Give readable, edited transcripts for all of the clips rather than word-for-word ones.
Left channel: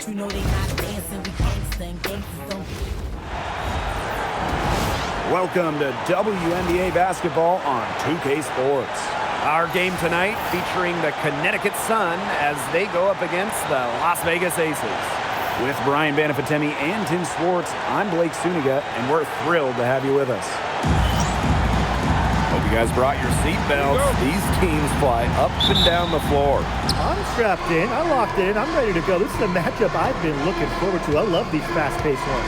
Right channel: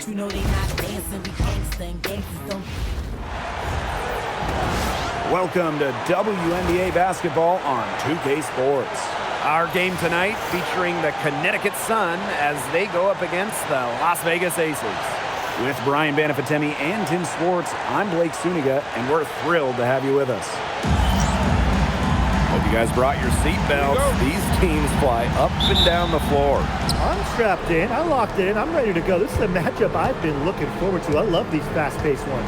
but you know they not dancing. We gangsta and gangsters don't. Welcome to WNBA basketball on 2K Sports. Our game tonight featuring the Connecticut Sun as they go up against the Las Vegas Aces. With Brian Banafitemi and Tim Swartz, I'm Blake Suniga, and we're thrilled to have you with us. Hope you guys brought your seatbelts. These teams fly up and down the floor. I'm strapped in. I locked in. I'm ready to go. This is a matchup I've been looking forward to. I love these fast-paced ones.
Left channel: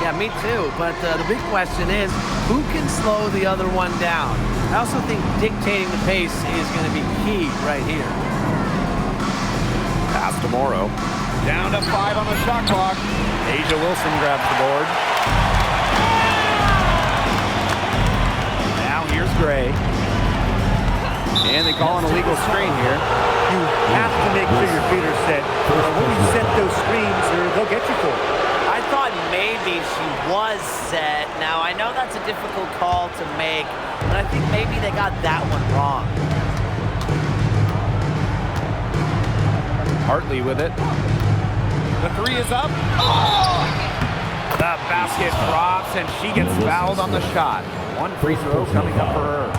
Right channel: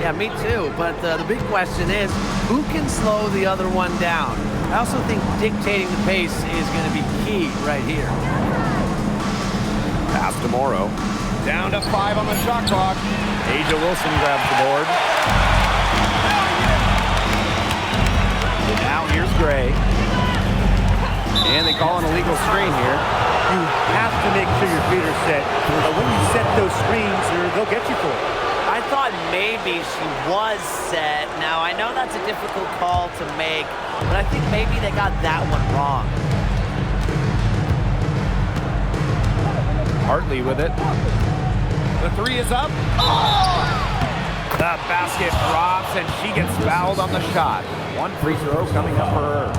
Yeah, me too. But the big question is, who can slow the other one down? I also think dictating the pace is going to be key right here. Pass to Morrow. Down to 5 on the shot clock. Asia Wilson grabs the board. Now here's Gray. And they call an illegal screen here. You have to make sure your feet are set. When you set those screens, they'll get you for it. I thought maybe she was set. Now, I know that's a difficult call to make, but I think maybe they got that one wrong. Hartley with it. The three is up. Oh! The basket drops, and she gets fouled on the shot. One free throw coming up for her.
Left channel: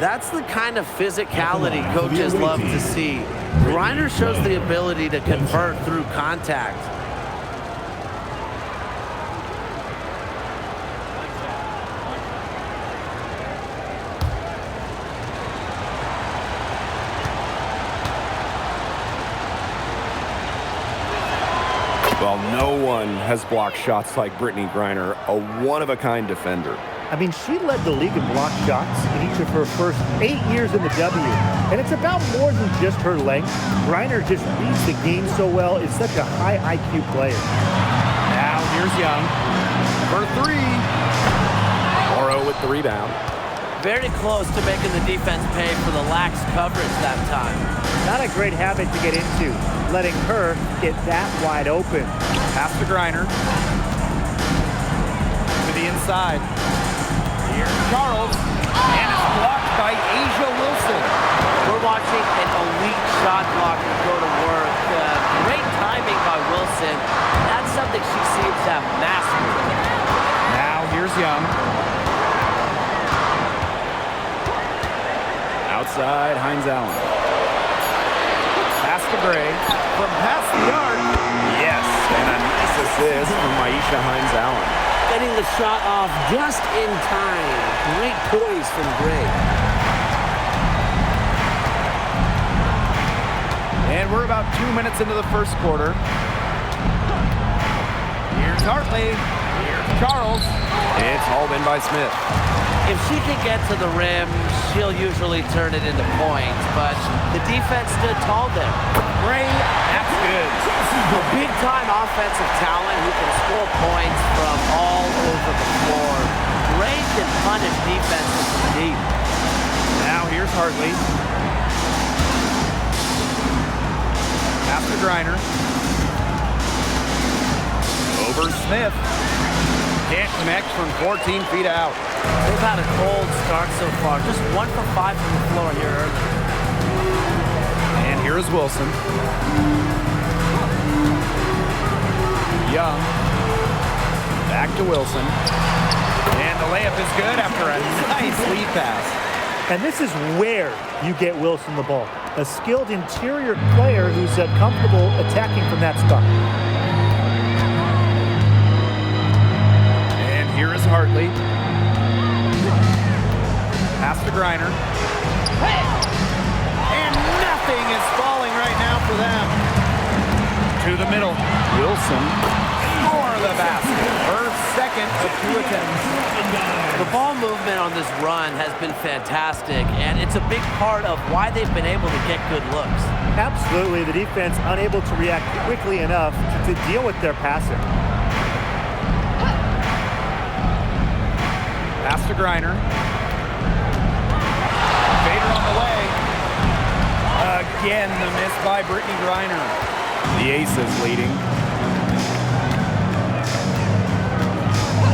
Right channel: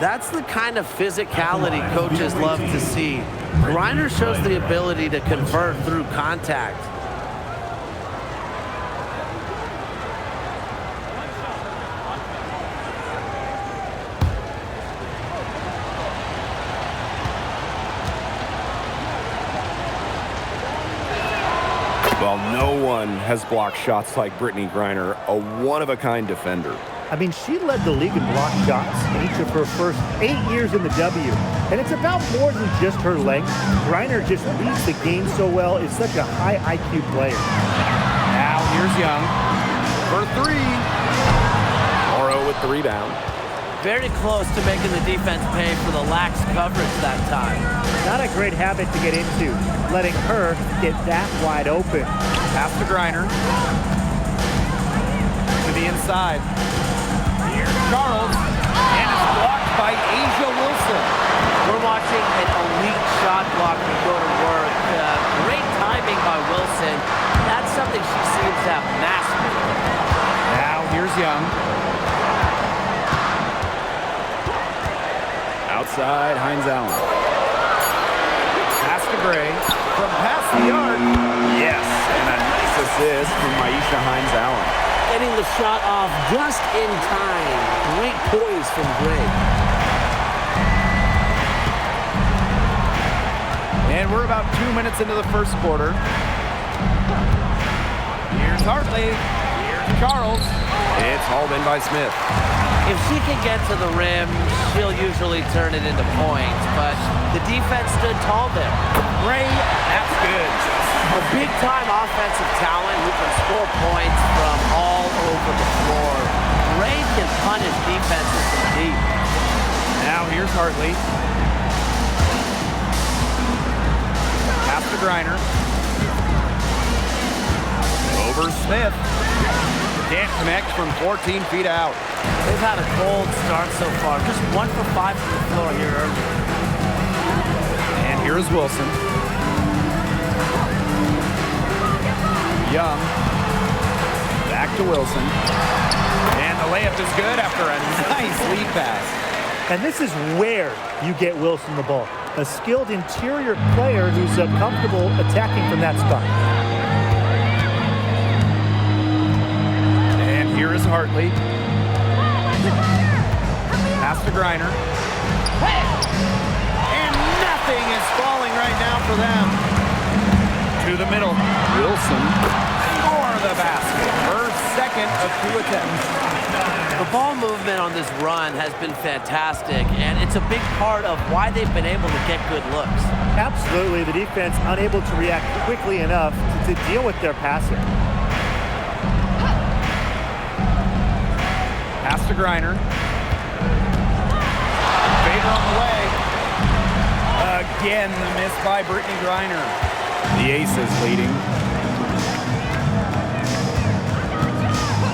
That's the kind of physicality coaches love to see. Griner shows the ability to convert through contact. Well, no one has blocked shots like Brittany Griner, a one-of-a-kind defender. I mean, she led the league in blocked shots in each of her first 8 years in the W. And it's about more than just her length. Griner just reads the game so well, is such a high IQ player. Now here's Young for three. Morrow with the rebound. Very close to making the defense pay for the lax coverage that time. Not a great habit to get into, letting her get that wide open. Pass to Griner. To the inside. Here's Charles. And it's blocked by Asia Wilson. We're watching an elite shot blocker go to work. Great timing by Wilson. That's something she seems to have mastered. Now here's Young. Outside, Hines Allen. Pass to Gray. From past the arc. Yes, and a nice assist from Maisha Hines Allen. Getting the shot off just in time. Great poise from Gray. And we're about 2 minutes into the first quarter. Here's Hartley. Here's Charles. It's hauled in by Smith. If she can get to the rim, she'll usually turn it into points, but the defense stood tall there. Gray, that's good. A big-time offensive talent who can score points from all over the floor. Gray can punish defenses from deep. Now here's Hartley. Pass to Griner. Over Smith. Can't connect from 14 feet out. They've had a cold start so far. Just 1 for 5 from the floor here early. And here's Wilson. Young. Back to Wilson. And the layup is good after a nice lead pass. And this is where you get Wilson the ball. A skilled interior player who's comfortable attacking from that spot. And here is Hartley. Pass to Griner. And nothing is falling right now for them. To the middle. Wilson for the basket. Her second of 2 attempts. The ball movement on this run has been fantastic, and it's a big part of why they've been able to get good looks. Absolutely. The defense unable to react quickly enough to deal with their passing. Pass to Griner. Bader on the way. Again, the miss by Brittany Griner. The Aces leading.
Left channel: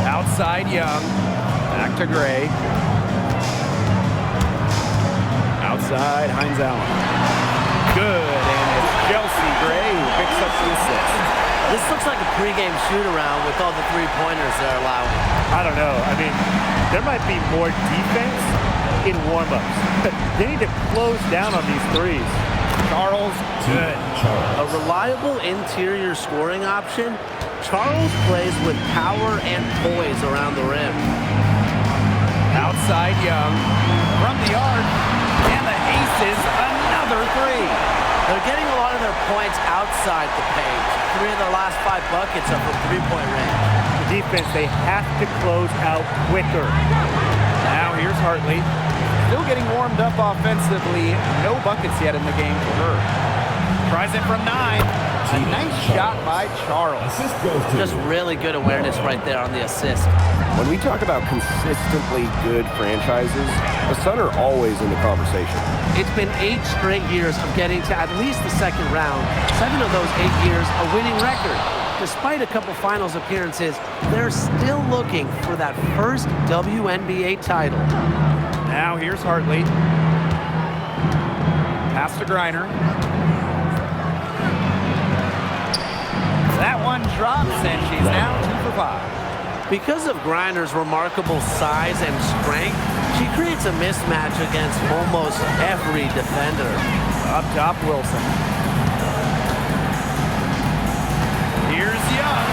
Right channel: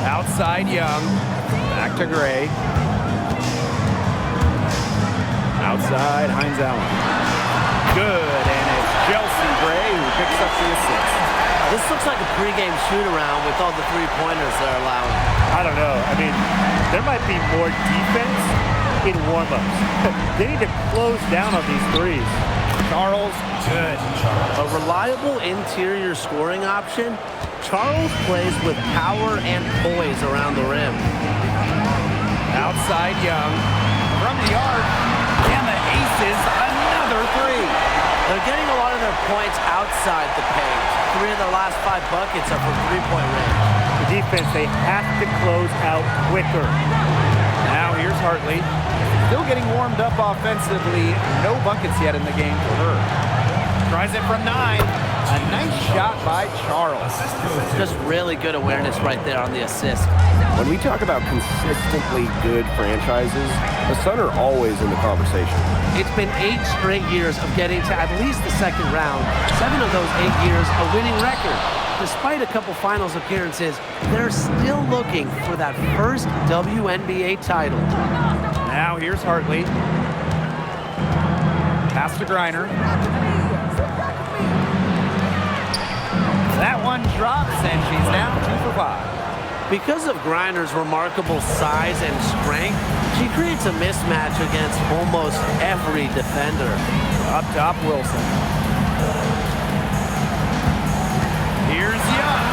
Outside Young. Back to Gray. Outside Hines Allen. Good, and it's Chelsea Gray, who picks up the assist. This looks like a pregame shoot-around with all the three-pointers they're allowing. I don't know. I mean, there might be more defense in warm-ups. They need to close down on these threes. Charles, good. A reliable interior scoring option. Charles plays with power and poise around the rim. Outside Young. From the arc. And the aces, another three. They're getting a lot of their points outside the paint. 3 of their last 5 buckets are from three-point range. The defense, they have to close out quicker. Now here's Hartley. Still getting warmed up offensively. No buckets yet in the game for her. Tries it from 9. A nice shot by Charles. Just really good awareness right there on the assist. When we talk about consistently good franchises, the Sun are always in the conversation. It's been 8 straight years of getting to at least the second round. 7 of those 8 years a winning record. Despite a couple finals appearances, they're still looking for that first WNBA title. Now here's Hartley. Pass to Griner. That one drops, and she's now 2 for 5. Because of Griner's remarkable size and strength, she creates a mismatch against almost every defender. Up top, Wilson. Here's Young.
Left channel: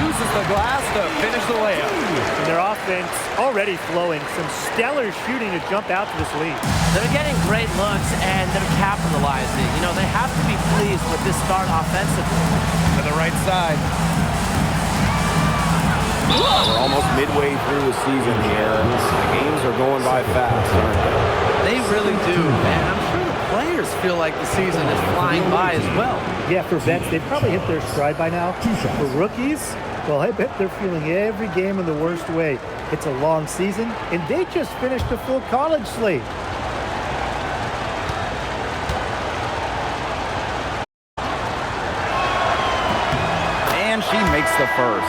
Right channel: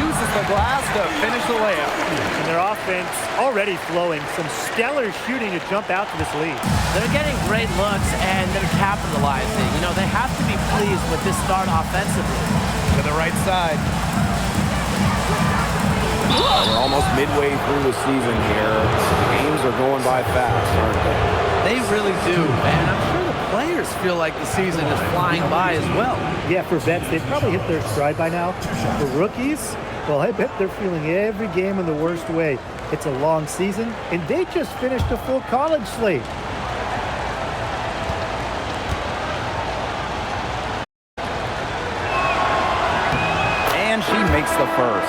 Uses the glass to finish the layup. And their offense already flowing. Some stellar shooting to jump out to this lead. They're getting great looks, and they're capitalizing. You know, they have to be pleased with this start offensively. To the right side. We're almost midway through the season here. The games are going by fast, aren't they? They really do, and I'm sure the players feel like the season is flying by as well. Yeah, for vets, they've probably hit their stride by now. For rookies, well, I bet they're feeling every game in the worst way. It's a long season, and they just finished a full college slate. And she makes the first.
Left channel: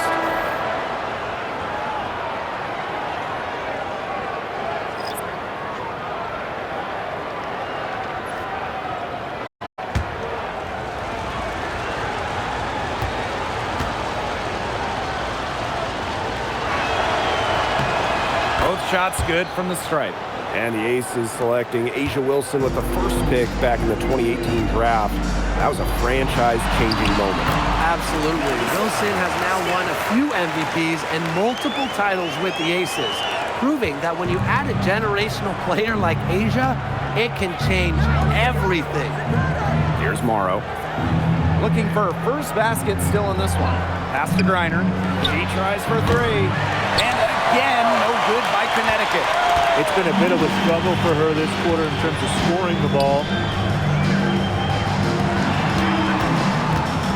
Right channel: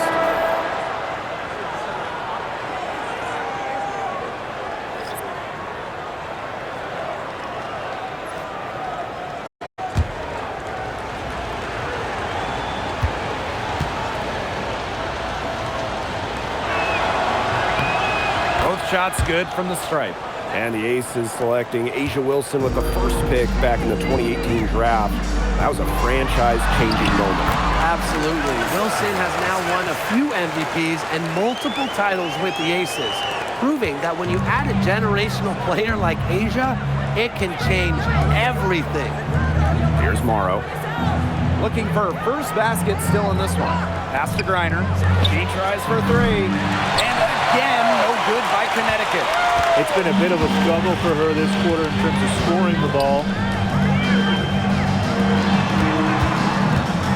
Both shots good from the stripe. And the Aces selecting A'ja Wilson with the first pick back in the 2018 draft. That was a franchise-changing moment. Absolutely. Wilson has now won a few MVPs and multiple titles with the Aces, proving that when you add a generational player like A'ja, it can change everything. Here's Morrow. Looking for her first basket still in this one. Pass to Griner. She tries for 3. And again, no good by Connecticut. It's been a bit of a struggle for her this quarter in terms of scoring the ball.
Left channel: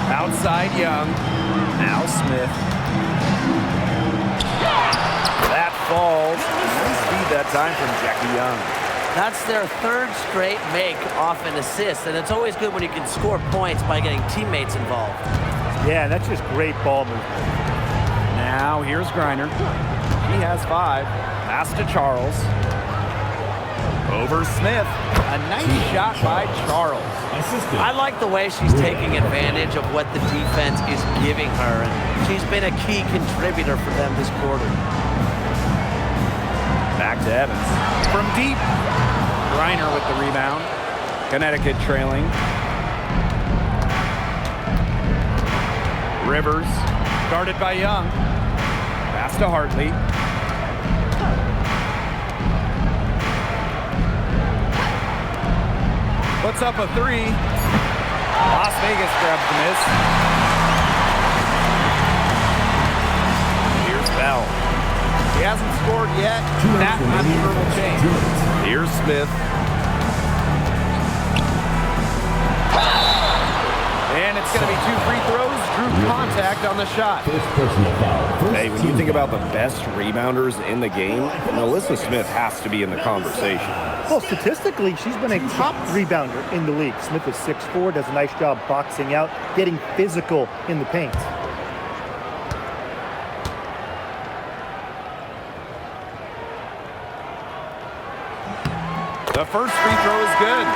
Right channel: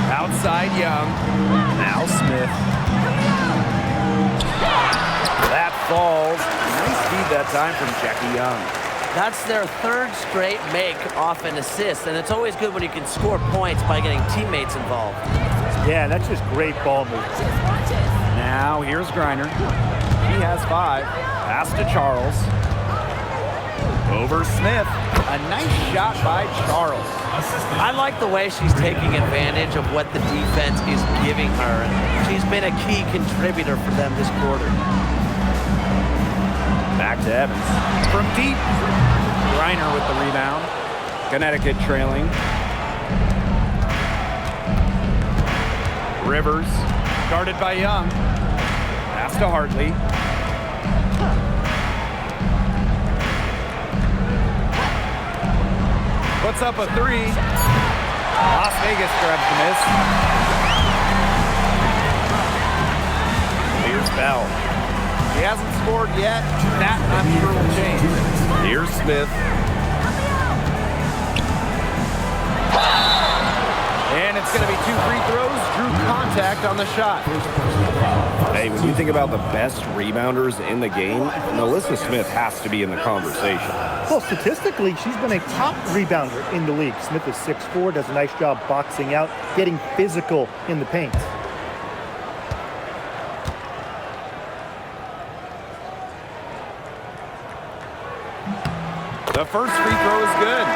Outside Young. Now Smith. That falls. Nice feed that time from Jackie Young. That's their 3rd straight make off an assist, and it's always good when you can score points by getting teammates involved. Yeah, that's just great ball movement. Now here's Griner. She has 5. Pass to Charles. Over Smith. A nice shot by Charles. I like the way she's taking advantage of what the defense is giving her, and she's been a key contributor for them this quarter. Back to Evans. From deep. Griner with the rebound. Connecticut trailing. Rivers. Guarded by Young. Pass to Hartley. Puts up a 3. Las Vegas grabs the miss. Here's Bell. She hasn't scored yet. That, I'm sure, will change. Here's Smith. And it's going to be 2 free throws. Drew contact on the shot. Hey, when you think about the best rebounders in the game, Alyssa Smith has to be in the conversation. Well, statistically, she's been a top rebounder in the league. Smith is 6'4", does a nice job boxing out, getting physical in the paint. The first free throw is good.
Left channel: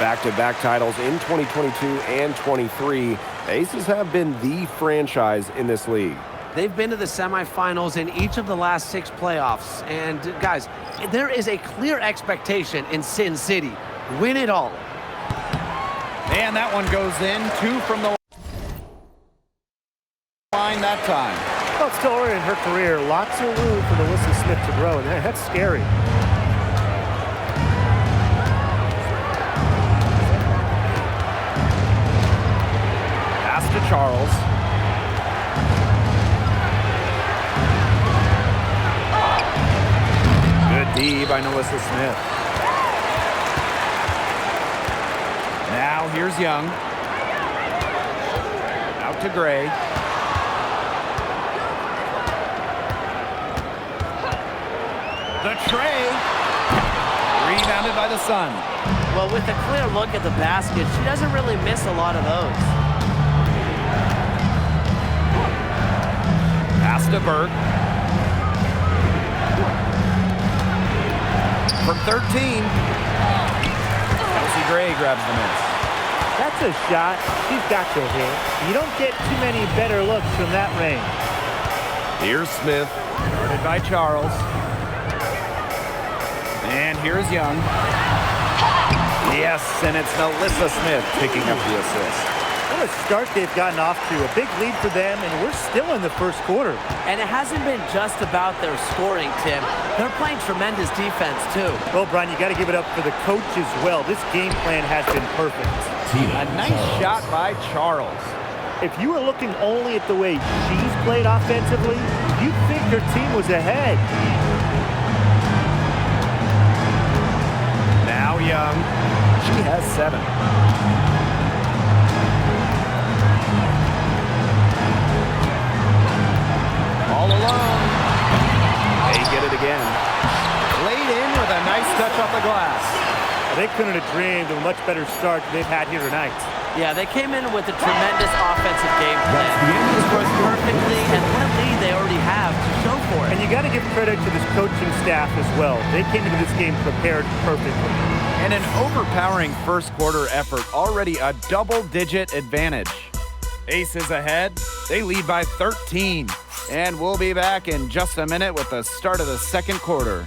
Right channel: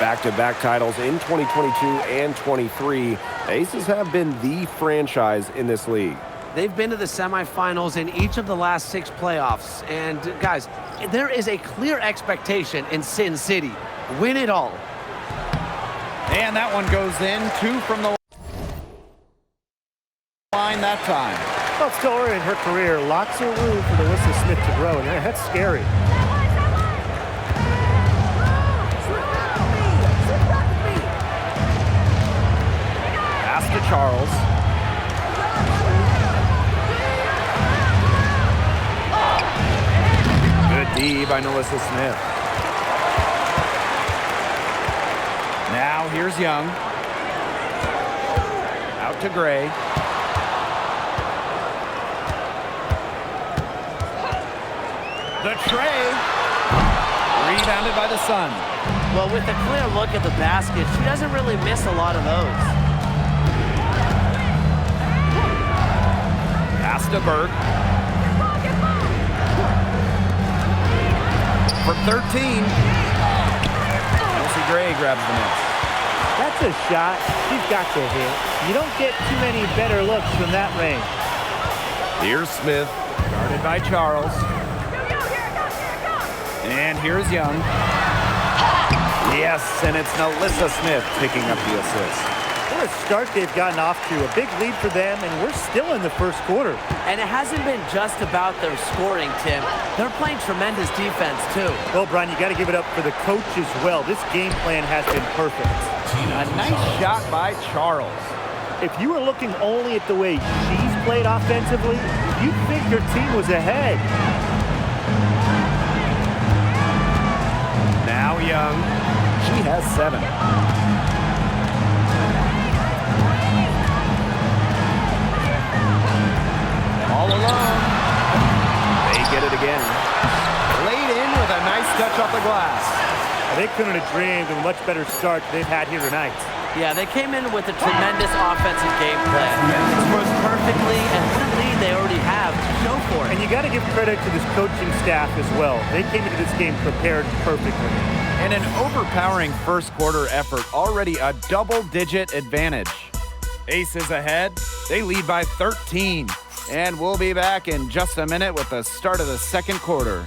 back-to-back titles in 2022 and 23. Aces have been the franchise in this league. They've been to the semifinals in each of the last 6 playoffs. And, guys, there is a clear expectation in Sin City. Win it all. And that one goes in. 2 from the line that time. Well, still early in her career, lots of room for Alyssa Smith to grow, and that's scary. Pass to Charles. Good D by Alyssa Smith. Now here's Young. Out to Gray. The tray. Rebounded by the Sun. Well, with a clear look at the basket, she doesn't really miss a lot of those. Pass to Burke. From 13. Kelsey Gray grabs the miss. That's a shot she's got to hit. You don't get too many better looks from that range. Here's Smith. Guarded by Charles. And here's Young. Yes, and it's Alyssa Smith picking up the assist. What a start they've gotten off to. A big lead for them, and we're still in the first quarter. And it hasn't been just about their scoring, Tim. They're playing tremendous defense, too. Well, Brian, you got to give it up for the coach as well. This game plan has been perfect. A nice shot by Charles. If you were looking only at the way she's played offensively, you'd think her team was ahead. Now Young. She has 7. All alone. They get it again. Laid in with a nice touch off the glass. They couldn't have dreamed of a much better start they've had here tonight. Yeah, they came in with a tremendous offensive game plan. This was perfectly, and what a lead they already have to show for it. And you got to give credit to this coaching staff as well. They came into this game prepared perfectly. And an overpowering first quarter effort, already a double-digit advantage. Aces ahead. They lead by 13. And we'll be back in just a minute with the start of the second quarter.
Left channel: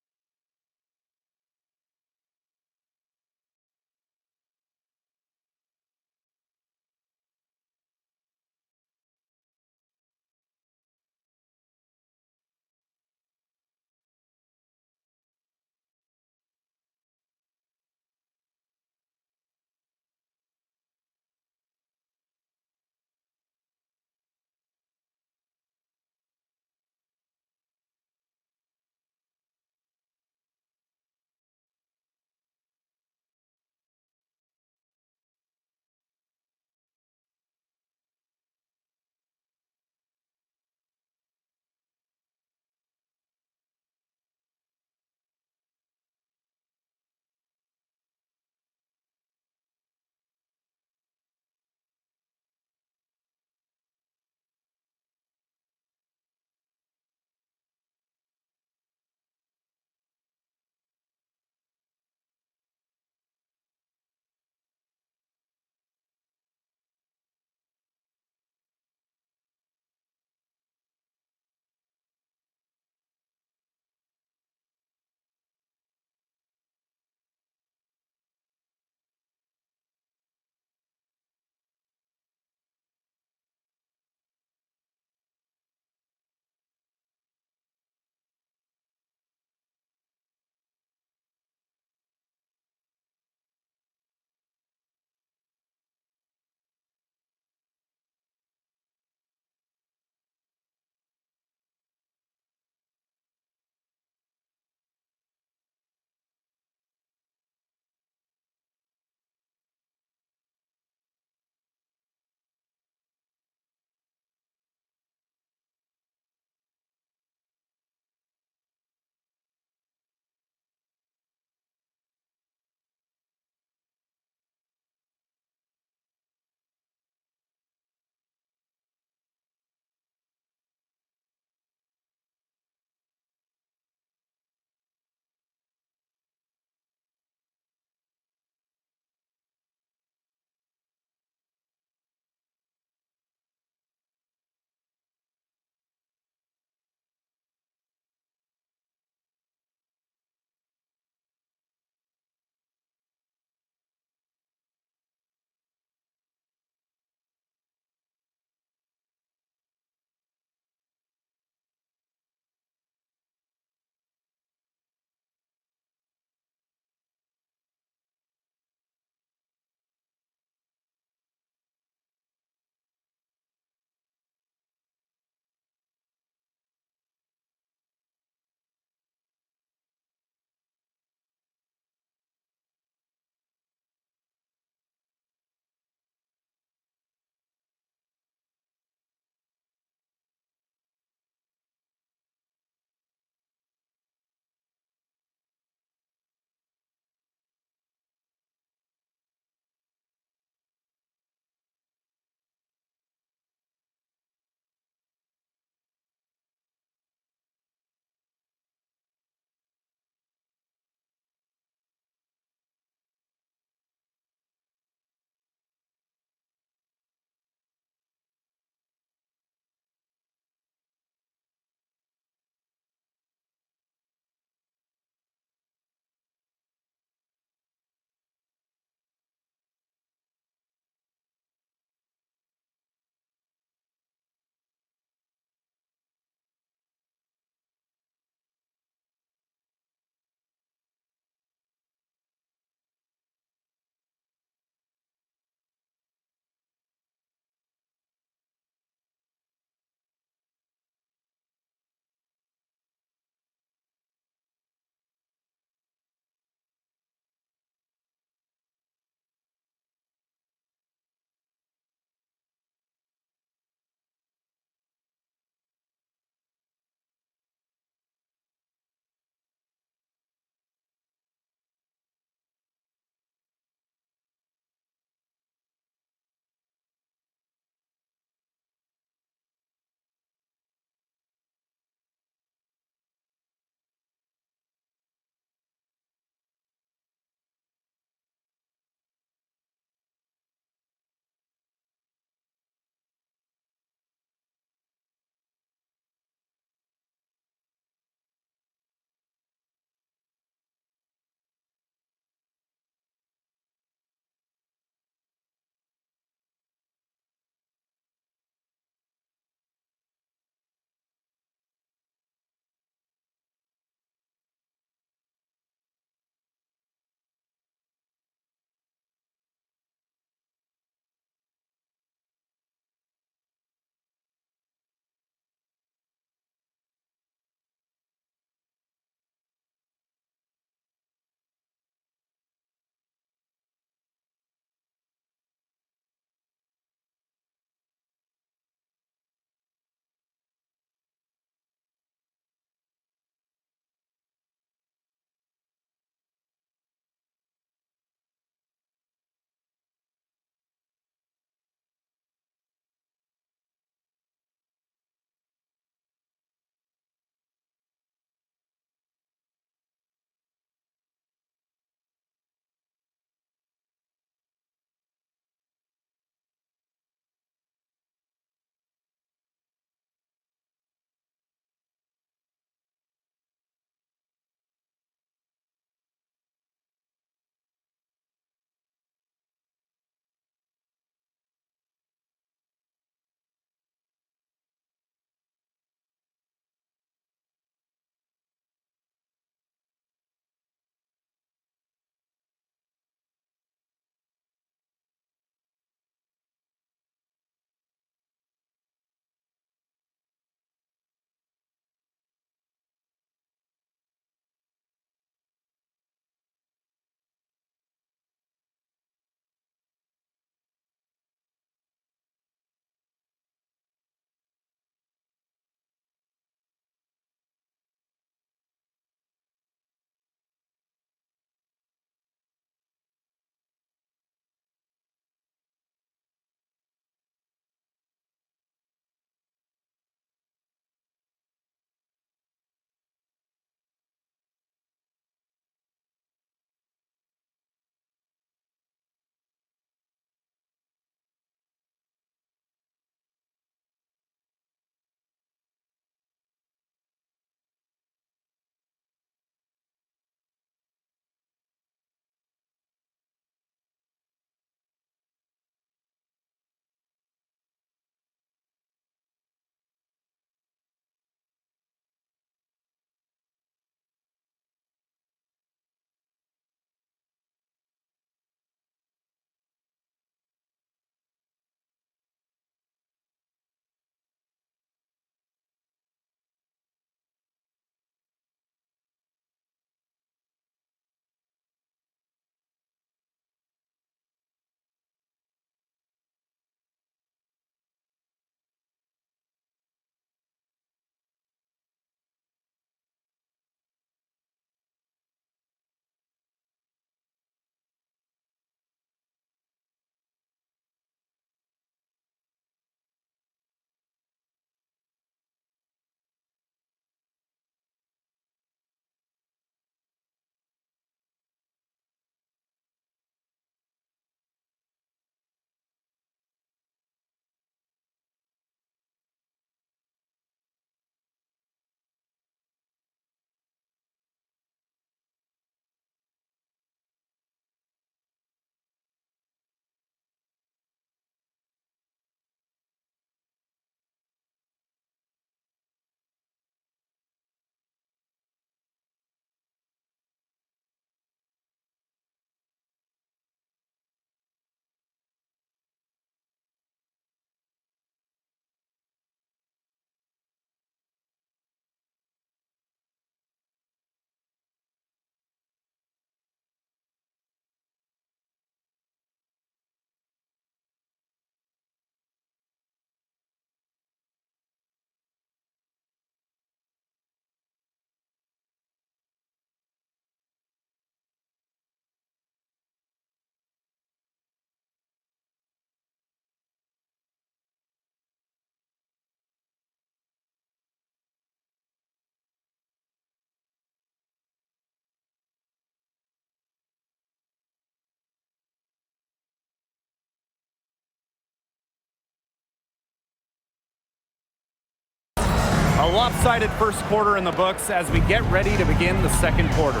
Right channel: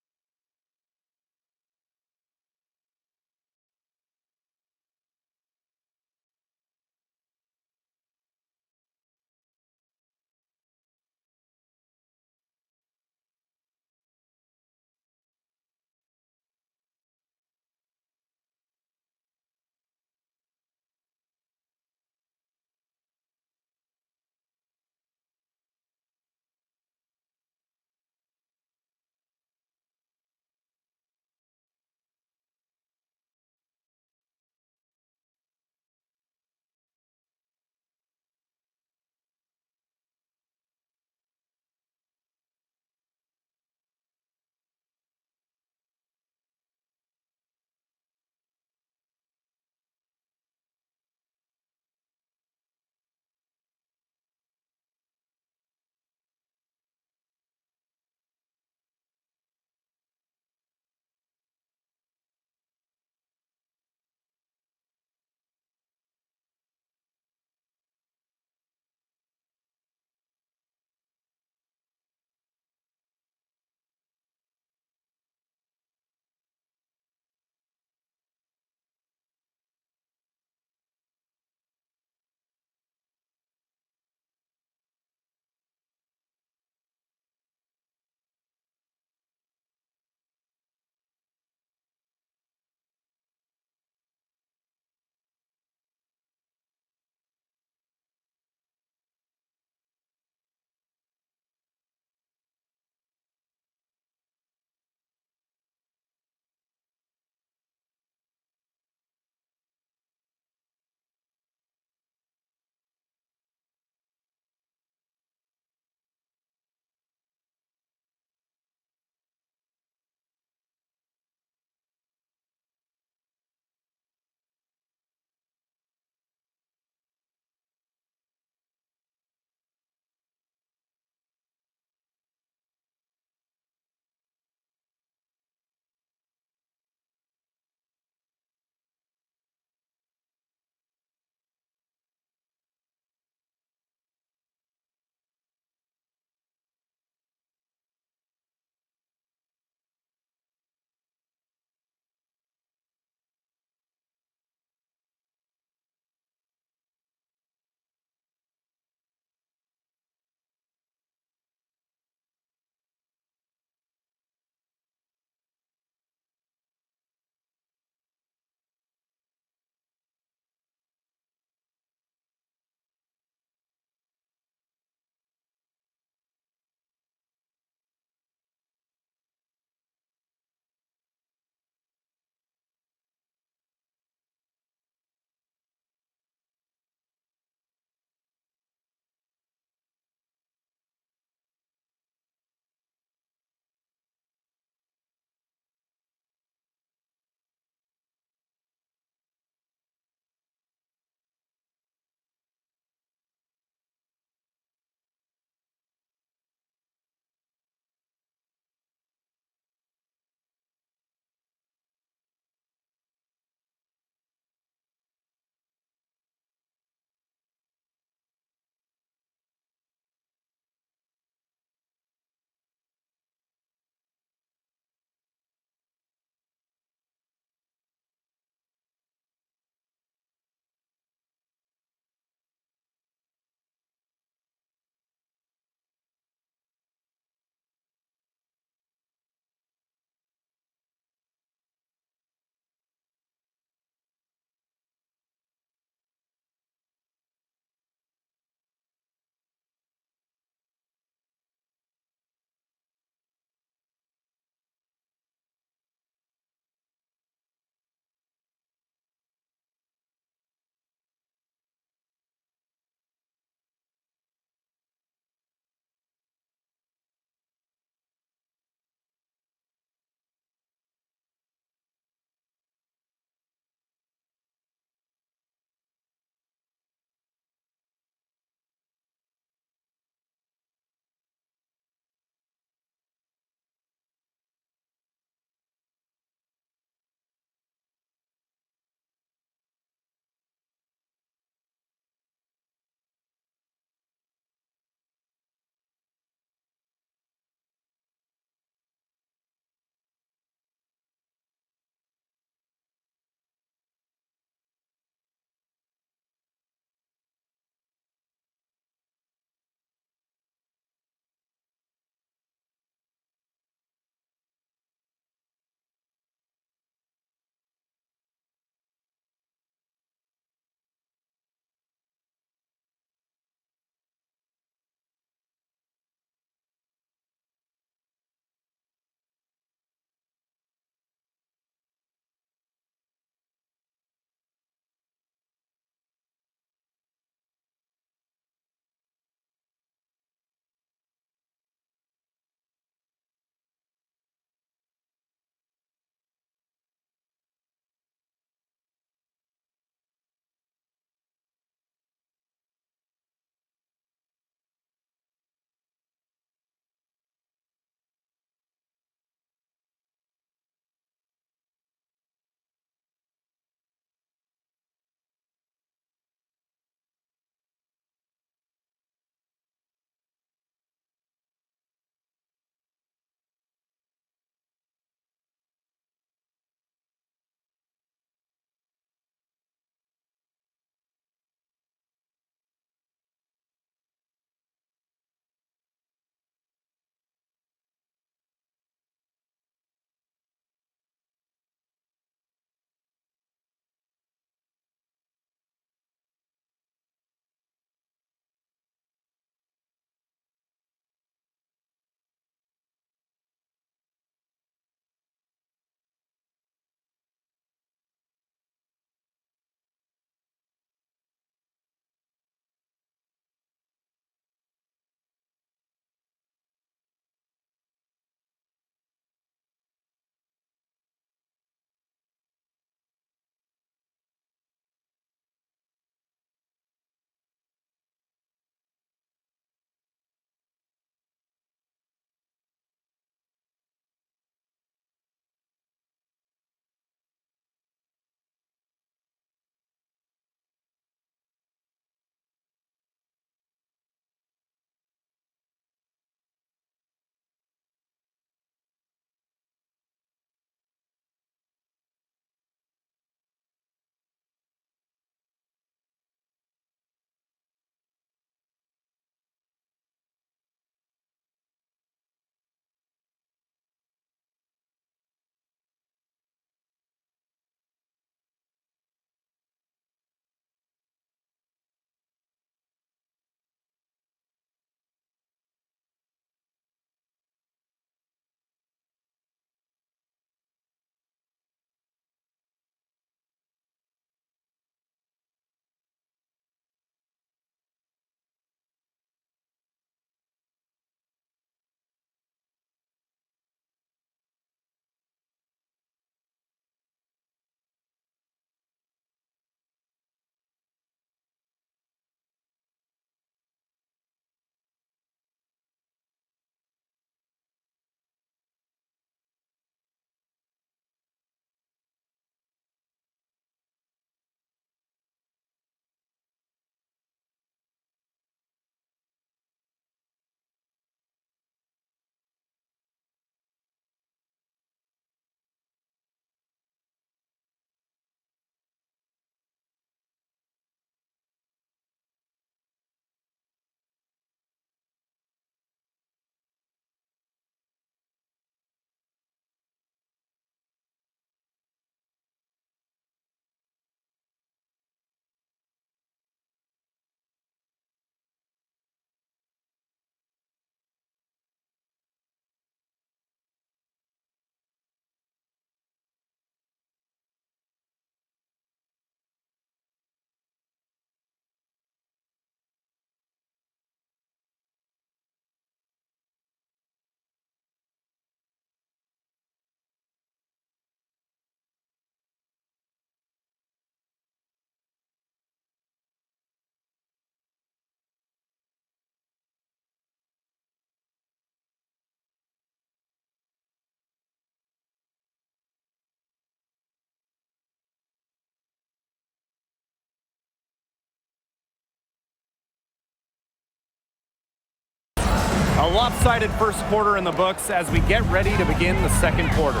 A lopsided first quarter in the books as we get ready to begin the second quarter.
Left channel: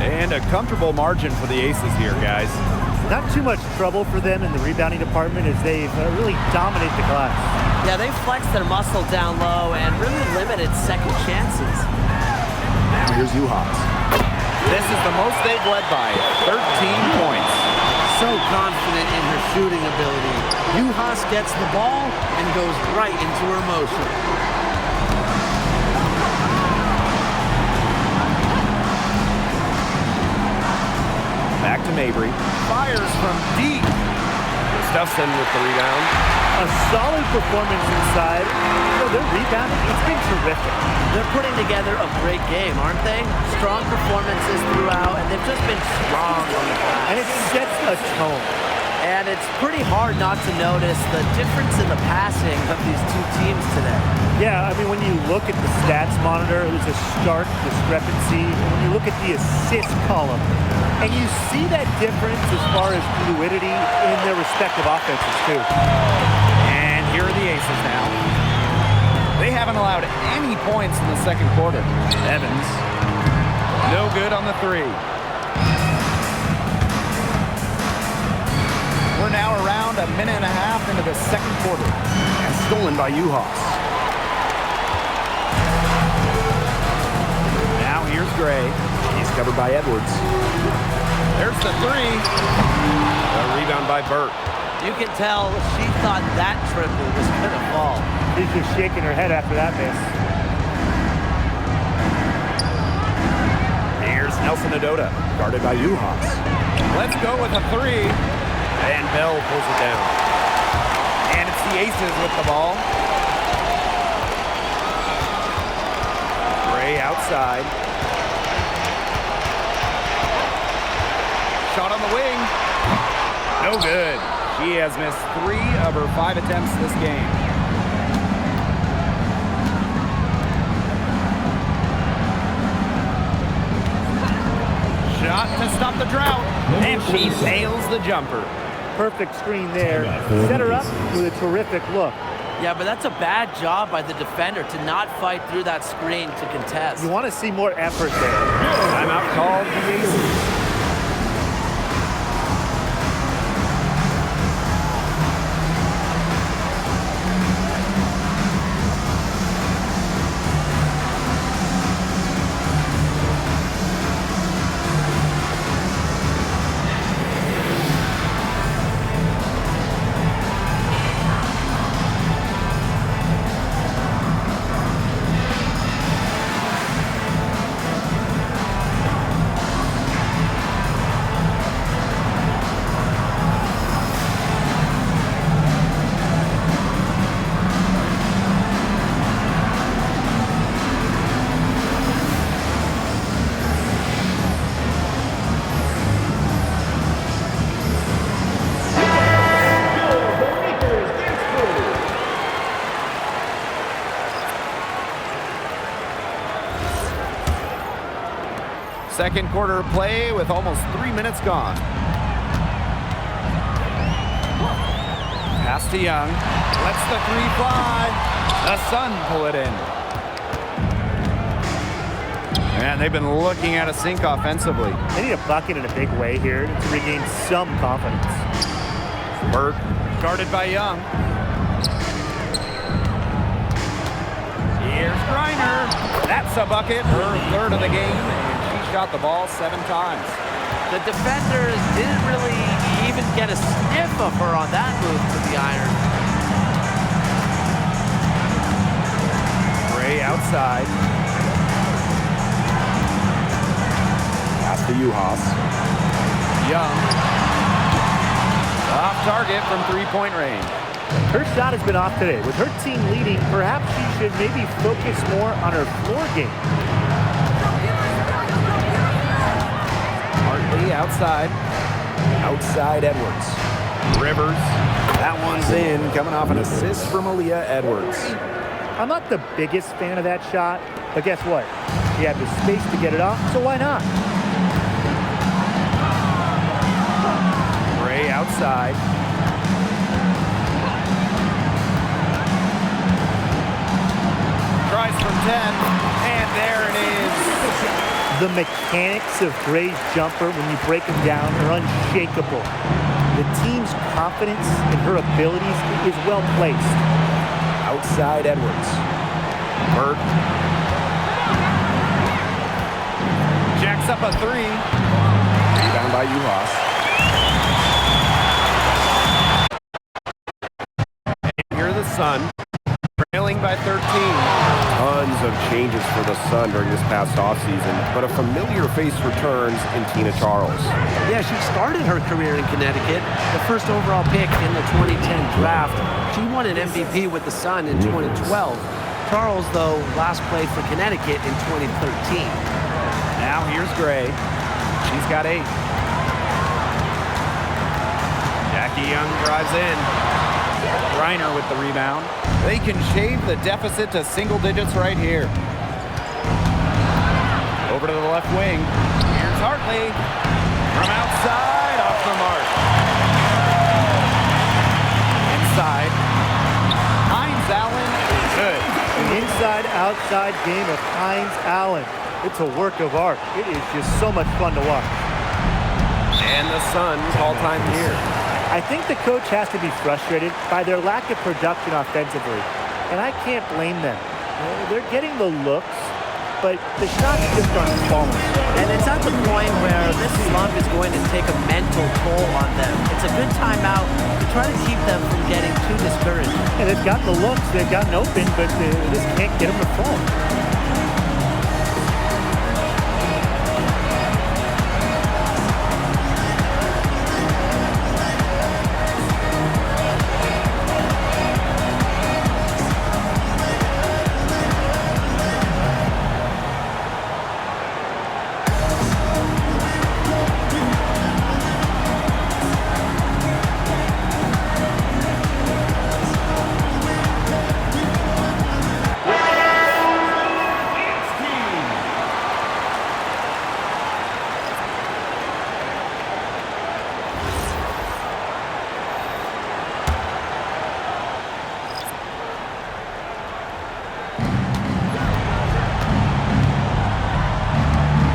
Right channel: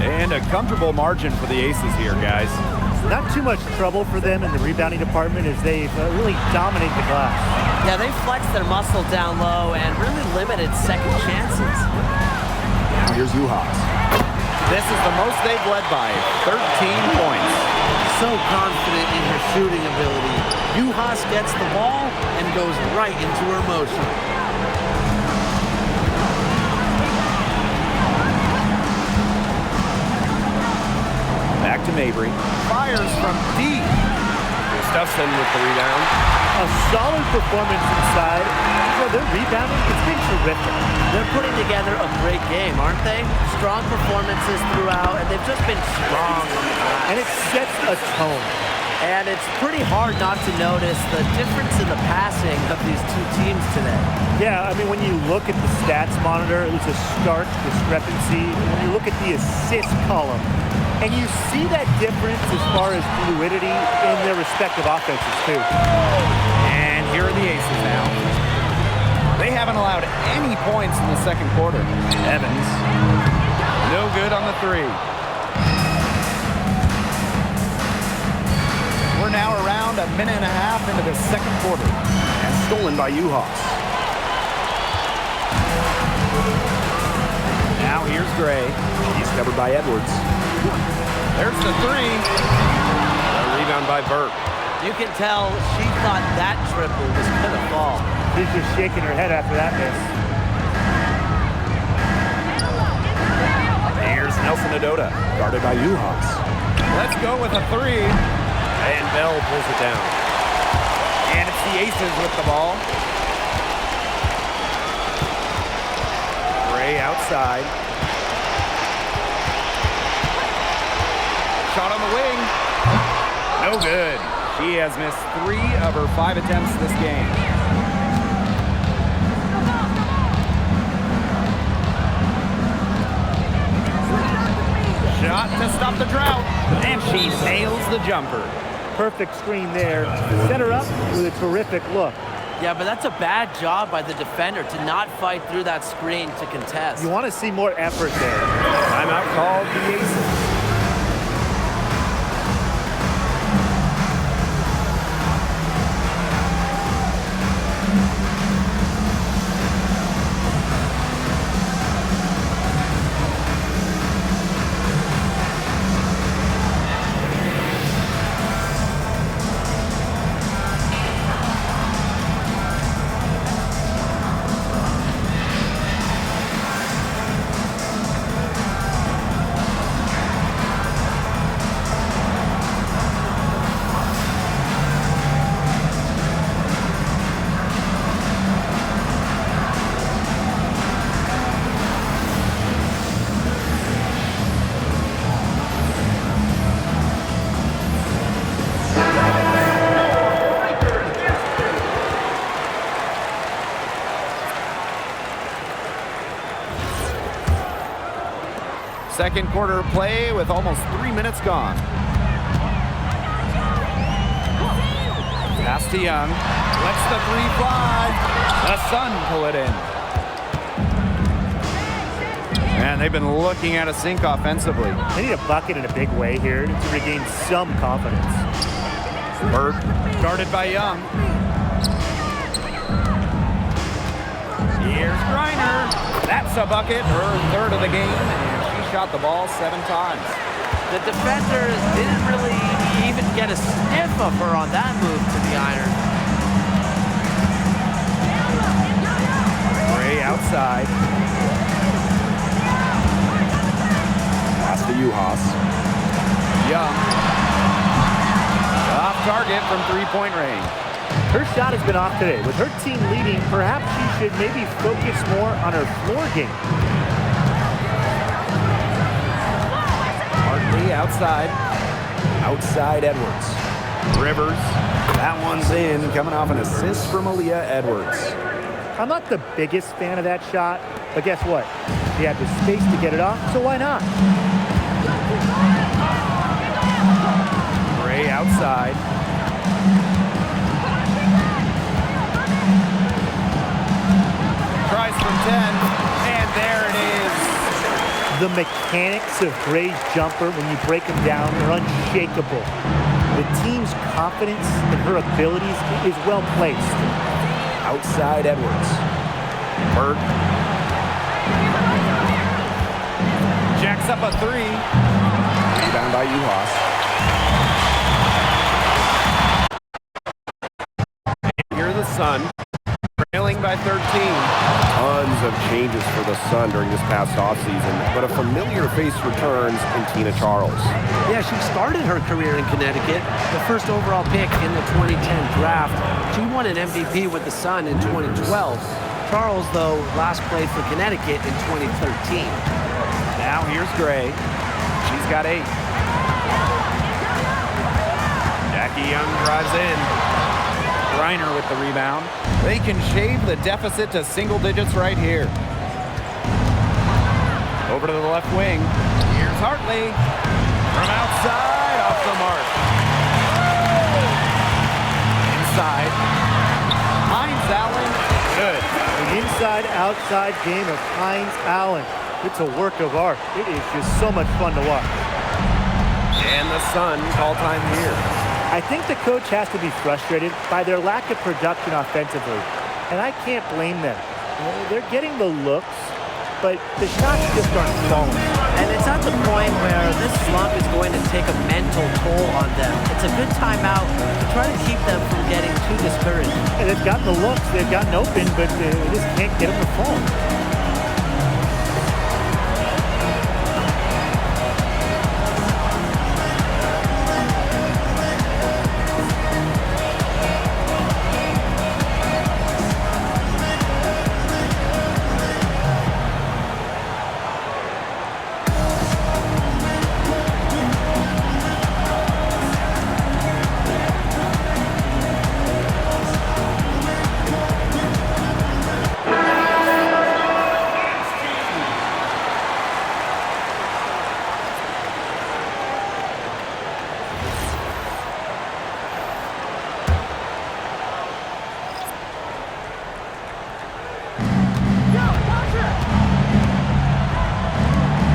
And a comfortable margin for the Aces here, guys. Not too much trouble for them in the rebounding department as they've really dominated the glass. Yeah, they flexed their muscle down low and really limited second chances. Now here's Juhas. This is the most they've led by, 13 points. So confident in her shooting ability. Juhas gets the ball and goes right into her motion. Back to Mabry. Fires from deep. Gustafson with the rebound. A solid performance inside. You know, their rebounding, it's been terrific. They're putting together a great game, aren't they? Strong performances throughout, and they've just been strong on the glass. And it sets a tone. And it's pretty hard not to notice the difference in the passing of these two teams today. Yeah, I mean, when you look at the stats monitor, there's a stark discrepancy. And when you look at the assist column, and you see that difference as far as fluidity in their respective offenses, too. And here are the Aces now. They haven't allowed any points in the second quarter. Evans, no good on the three. We're now around a minute and a half into the second quarter. And stolen by Juhas. Now here's Gray. He's covered by Edwards. There's the three. A rebound by Burke. You can tell she thought that triple was going to fall. She's just shaking her head after that miss. Here's Nelson Adota, guarded by Juhas. Let's go with a three. And Bell pulls it down. And it's the Aces with the ball. Gray outside. Shot on the wing. No good. She has missed 3 of her 5 attempts this game. Shot to stop the drought. And she nails the jumper. Perfect screen there. Set her up with a terrific look. Yeah, but that's a bad job by the defender to not fight through that screen to contest. You want to see more effort there. Timeout called the Aces. Second quarter play with almost 3 minutes gone. Pass to Young. Lets the three fly. The Sun pull it in. And they've been looking at a sink offensively. They need a bucket in a big way here to regain some confidence. Burke guarded by Young. Here's Griner. That's a bucket, her 3rd of the game, and she shot the ball 7 times. The defenders didn't really even get a sniff of her on that move to the iron. Gray outside. Pass to Juhas. Young. Off target from 3-point range. Her shot has been off today. With her team leading, perhaps she should maybe focus more on her floor game. Hartley outside. Outside Edwards. Rivers. That one's in, coming off an assist from Aaliyah Edwards. I'm not the biggest fan of that shot, but guess what? She had the space to get it off, so why not? Gray outside. tries from 10, and there it is. The mechanics of Gray's jumper, when you break them down, are unshakable. The team's confidence in her abilities is well placed. Outside Edwards. Bird. Jacks up a 3. Rebound by Uhas. Here the Sun, trailing by 13. Tons of changes for the Sun during this past offseason, but a familiar face returns in Tina Charles. Yeah, she started her career in Connecticut, the first overall pick in the 2010 draft. She won an MVP with the Sun in 2012. Charles, though, last played for Connecticut in 2013. Now here's Gray. She's got 8. Jackie Young drives in. Griner with the rebound. They can shave the deficit to single digits right here. Over to the left wing. Here's Hartley. From outside, off the mark. Inside. Hines Allen, good. The inside-outside game of Hines Allen. It's a work of art. It is just so much fun to watch. And the Sun call time here. I think the coach has to be frustrated by their lack of production offensively, and I can't blame them. They're getting the looks, but the shots just aren't falling. And it's at the point where this slump is going to take a mental toll on them. It's a good timeout to try to keep them from getting too discouraged. And they've gotten the looks, they've gotten open, but they just can't get them to fall.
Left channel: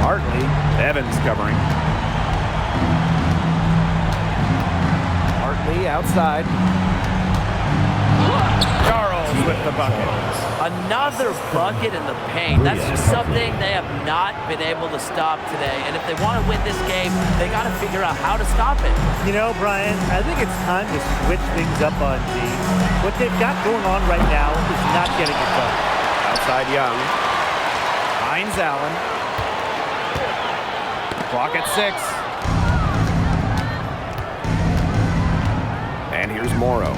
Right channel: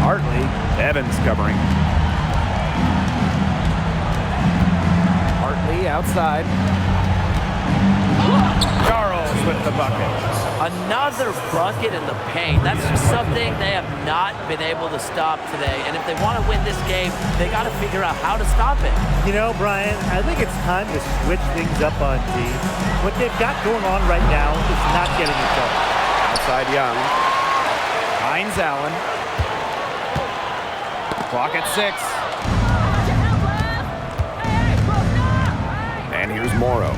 Hartley, Evans covering. Hartley outside. Charles with the bucket. Another bucket in the paint. That's just something they have not been able to stop today. And if they want to win this game, they got to figure out how to stop it. You know, Brian, I think it's time to switch things up on D. What they've got going on right now is not getting it done. Outside Young. Hines Allen. Clock at 6. And here's Morrow.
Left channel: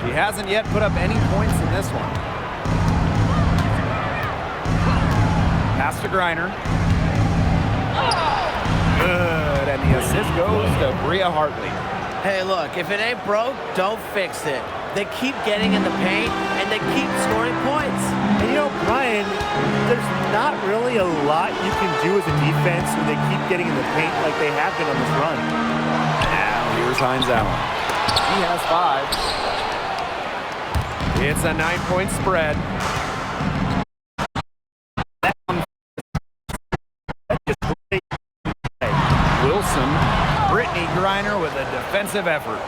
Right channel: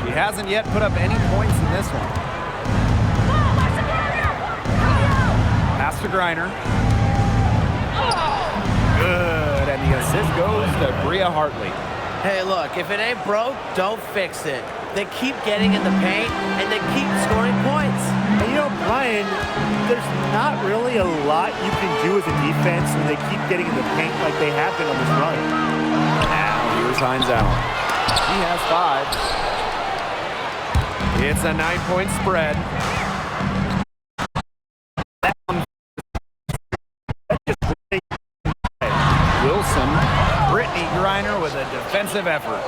She hasn't yet put up any points in this one. Pass to Griner. Good, and the assist goes to Bria Hartley. Hey, look, if it ain't broke, don't fix it. They keep getting in the paint, and they keep scoring points. And you know, Brian, there's not really a lot you can do as a defense when they keep getting in the paint like they have been on this run. Now here's Hines Allen. He has 5. It's a 9-point spread. Wilson, Brittany Griner with a defensive effort.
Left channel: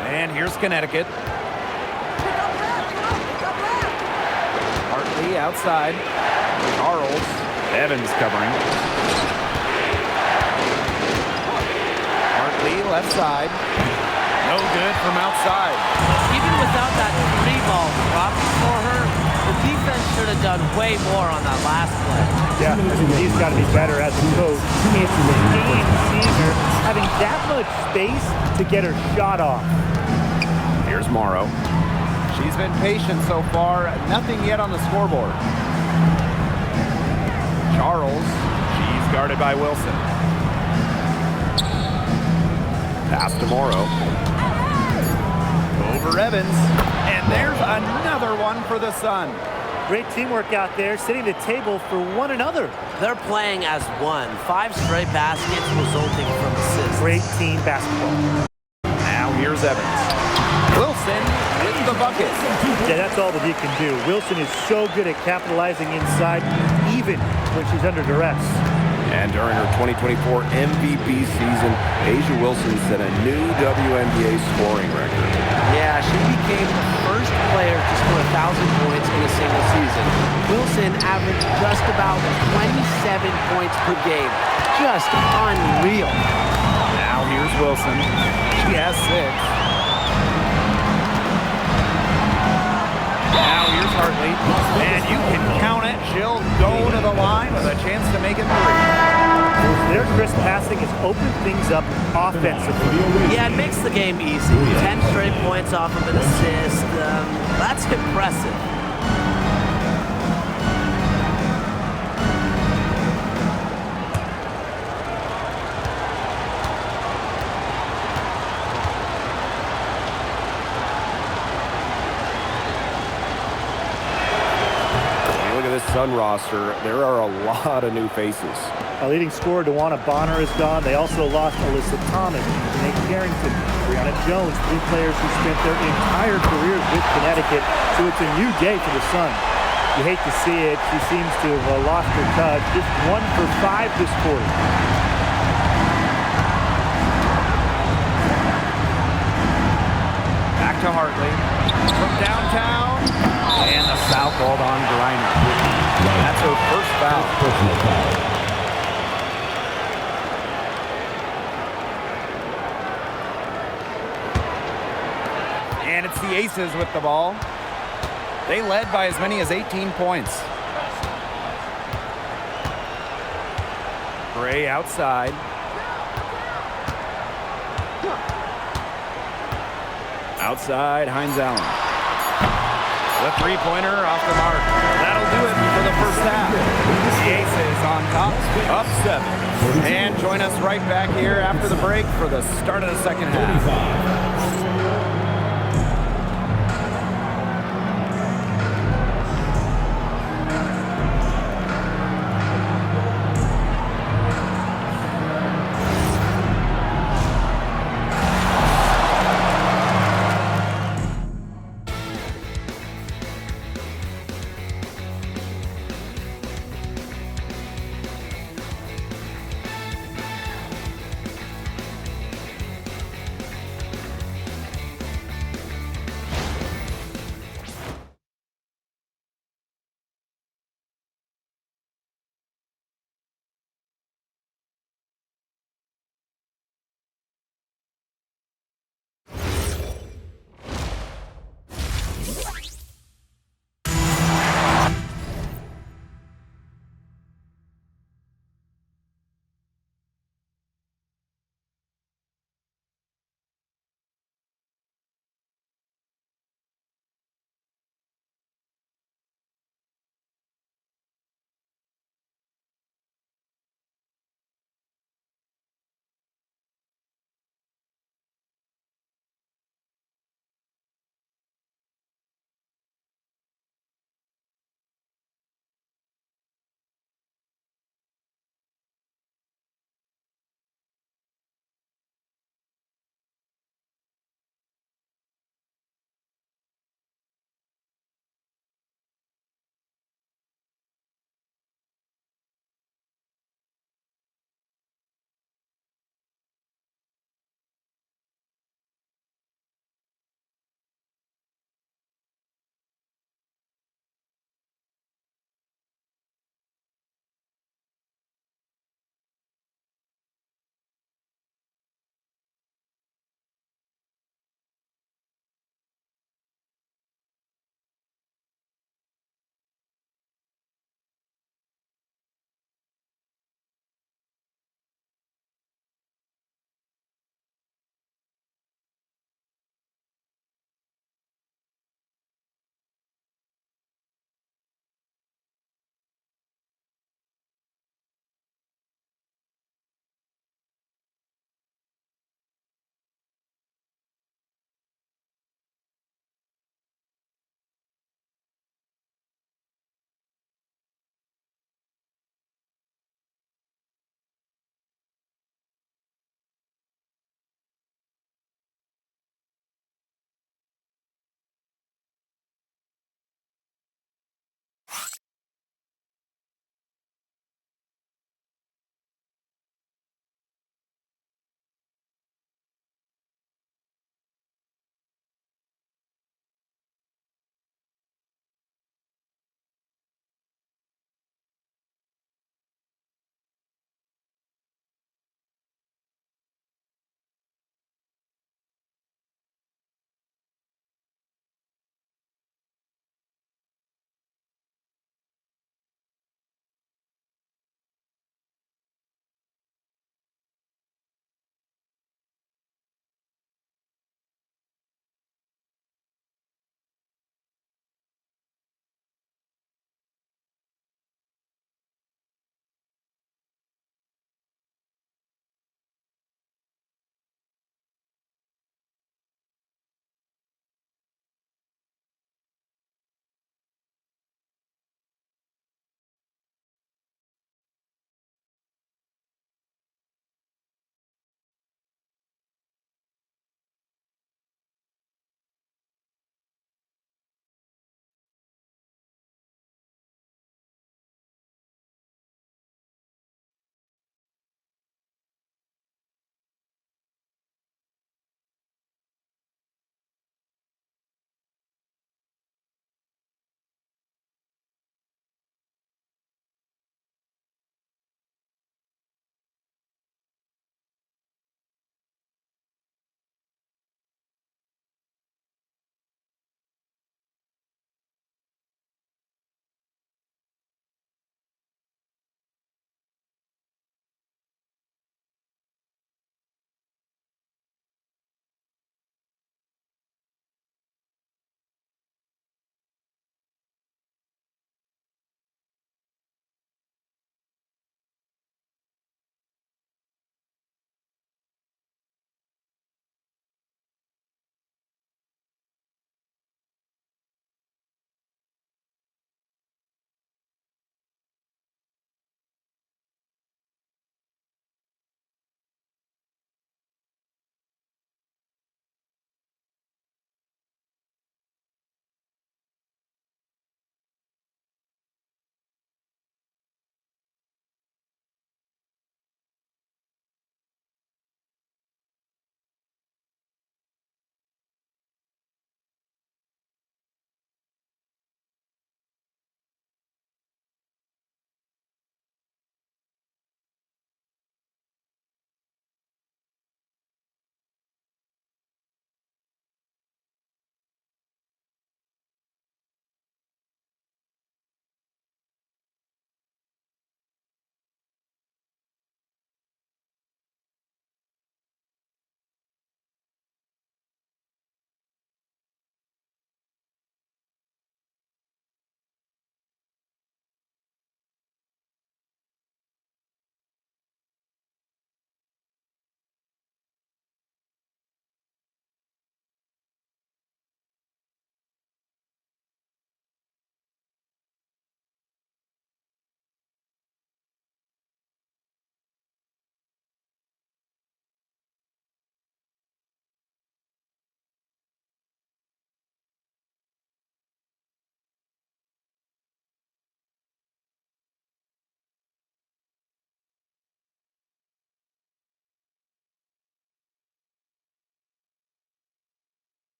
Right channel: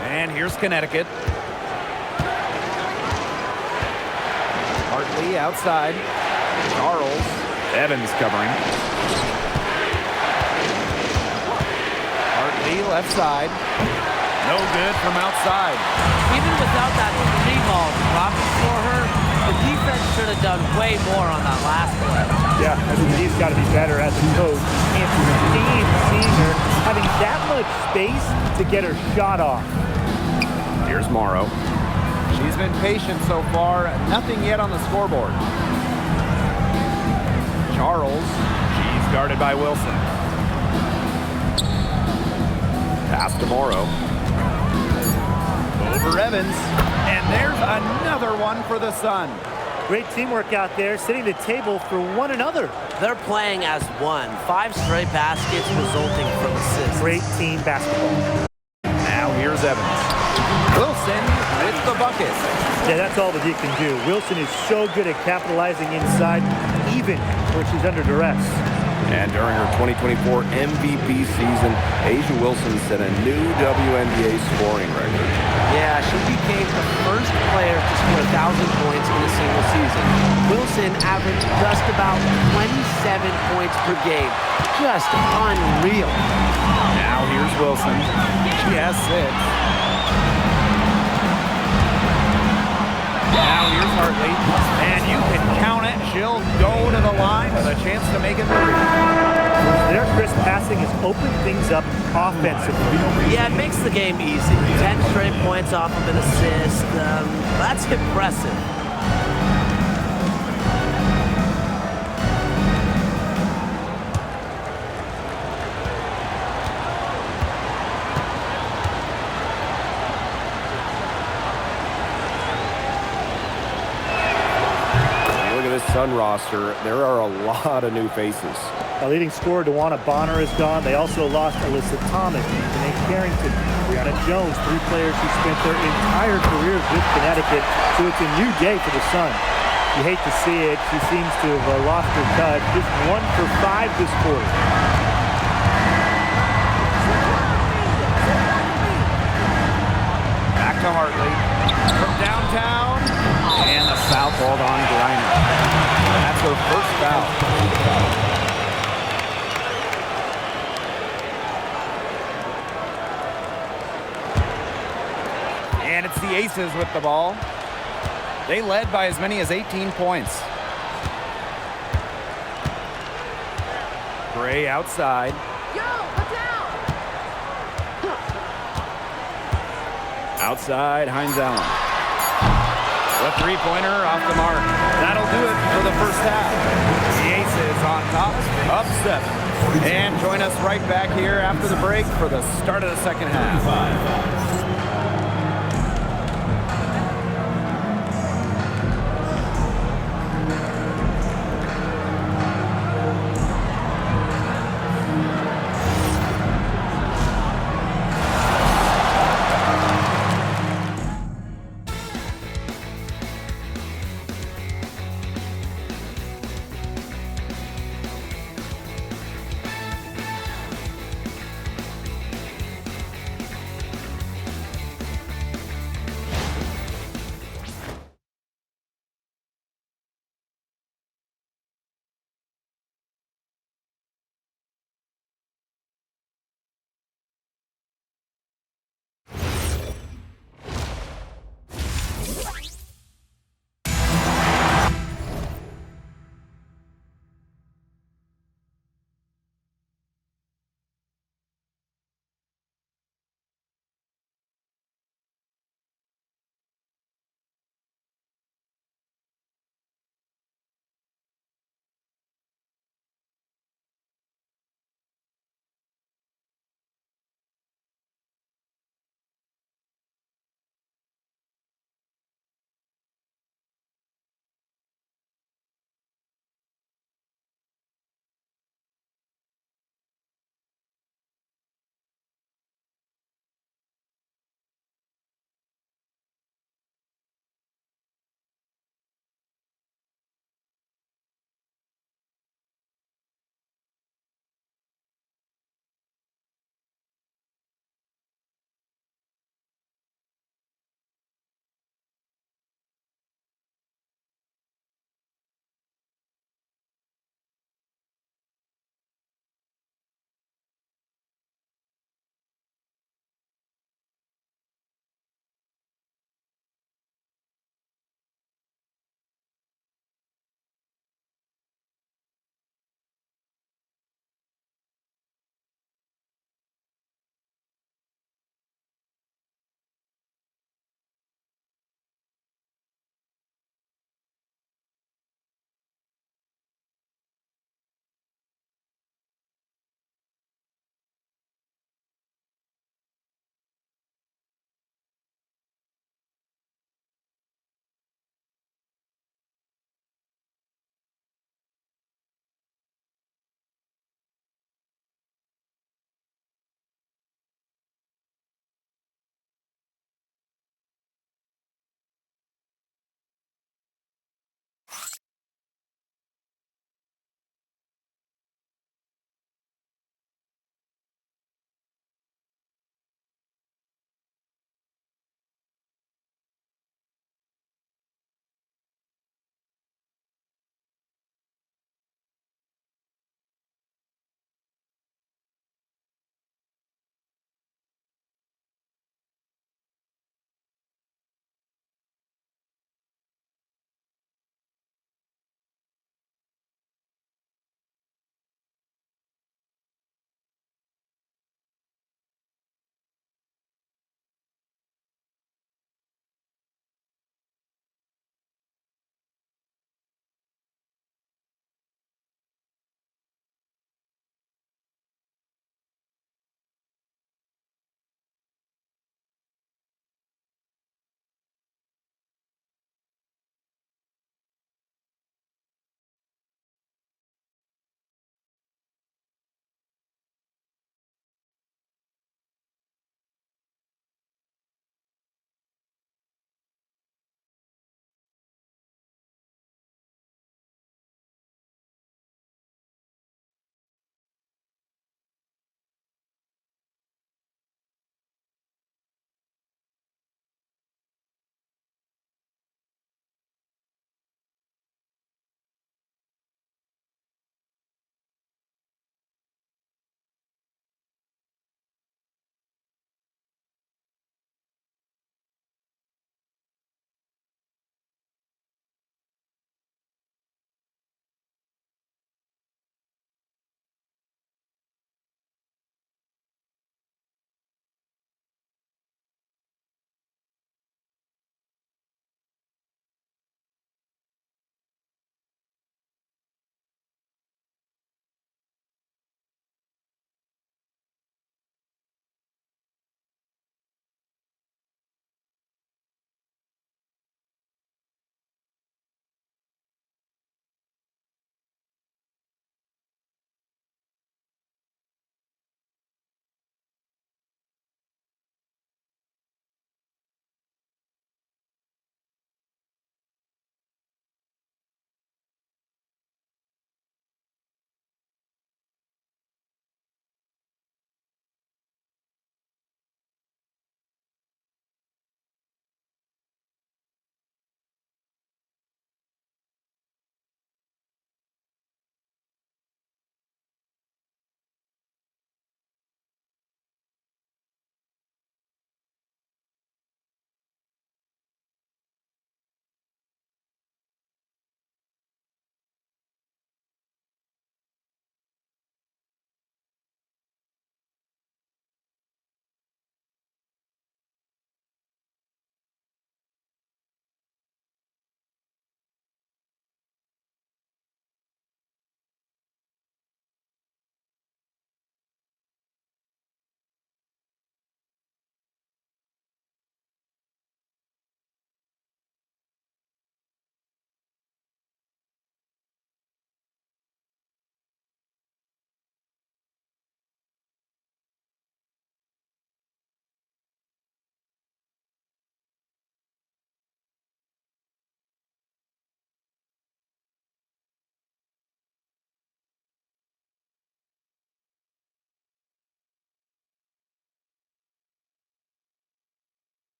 And here's Connecticut. Hartley outside. Charles. Evans covering. Hartley left side. No good from outside. Even without that 3-ball dropping for her, the defense should have done way more on that last play. Yeah, I think he's got to be better as a coach. He can't stand seeing her having that much space to get her shot off. Here's Morrow. She's been patient so far. Nothing yet on the scoreboard. Charles. She's guarded by Wilson. Pass to Morrow. Over Evans. And there's another one for the Sun. Great teamwork out there, setting the table for one another. They're playing as one. 5 straight baskets resulting from assists. Great team basketball. Now here's Evans. Wilson Wilson with the bucket. Yeah, that's all that he can do. Wilson is so good at capitalizing inside, even when she's under duress. And during her 2024 MVP season, A'ja Wilson set a new WNBA scoring record. Yeah, she became the first player to score 1,000 points in a single season. Wilson averaged just about 27 points per game. Just unreal. Now here's Wilson. She has 6. Now here's Hartley. And you can count it. She'll go to the line with a chance to make it 3. Their crisp passing has opened things up offensively. Yeah, it makes the game easy. 10 straight points off of an assist. That's impressive. Look at this Sun roster. There are a lot of new faces. Our leading scorer, DeWanna Bonner, is gone. They also lost Alyssa Thomas, Janae Carrington, Brianna Jones, 3 players who spent their entire careers with Connecticut. So it's a new day for the Sun. You hate to see it. She seems to have lost her touch. Just 1 for 5 this quarter. Back to Hartley from downtown, and the foul called on Griner. That's her first foul. And it's the Aces with the ball. They led by as many as 18 points. Gray outside. Outside, Hines Allen. The three-pointer off the mark. That'll do it for the first half. The Aces on top, up 7. And join us right back here after the break for the start of the second half.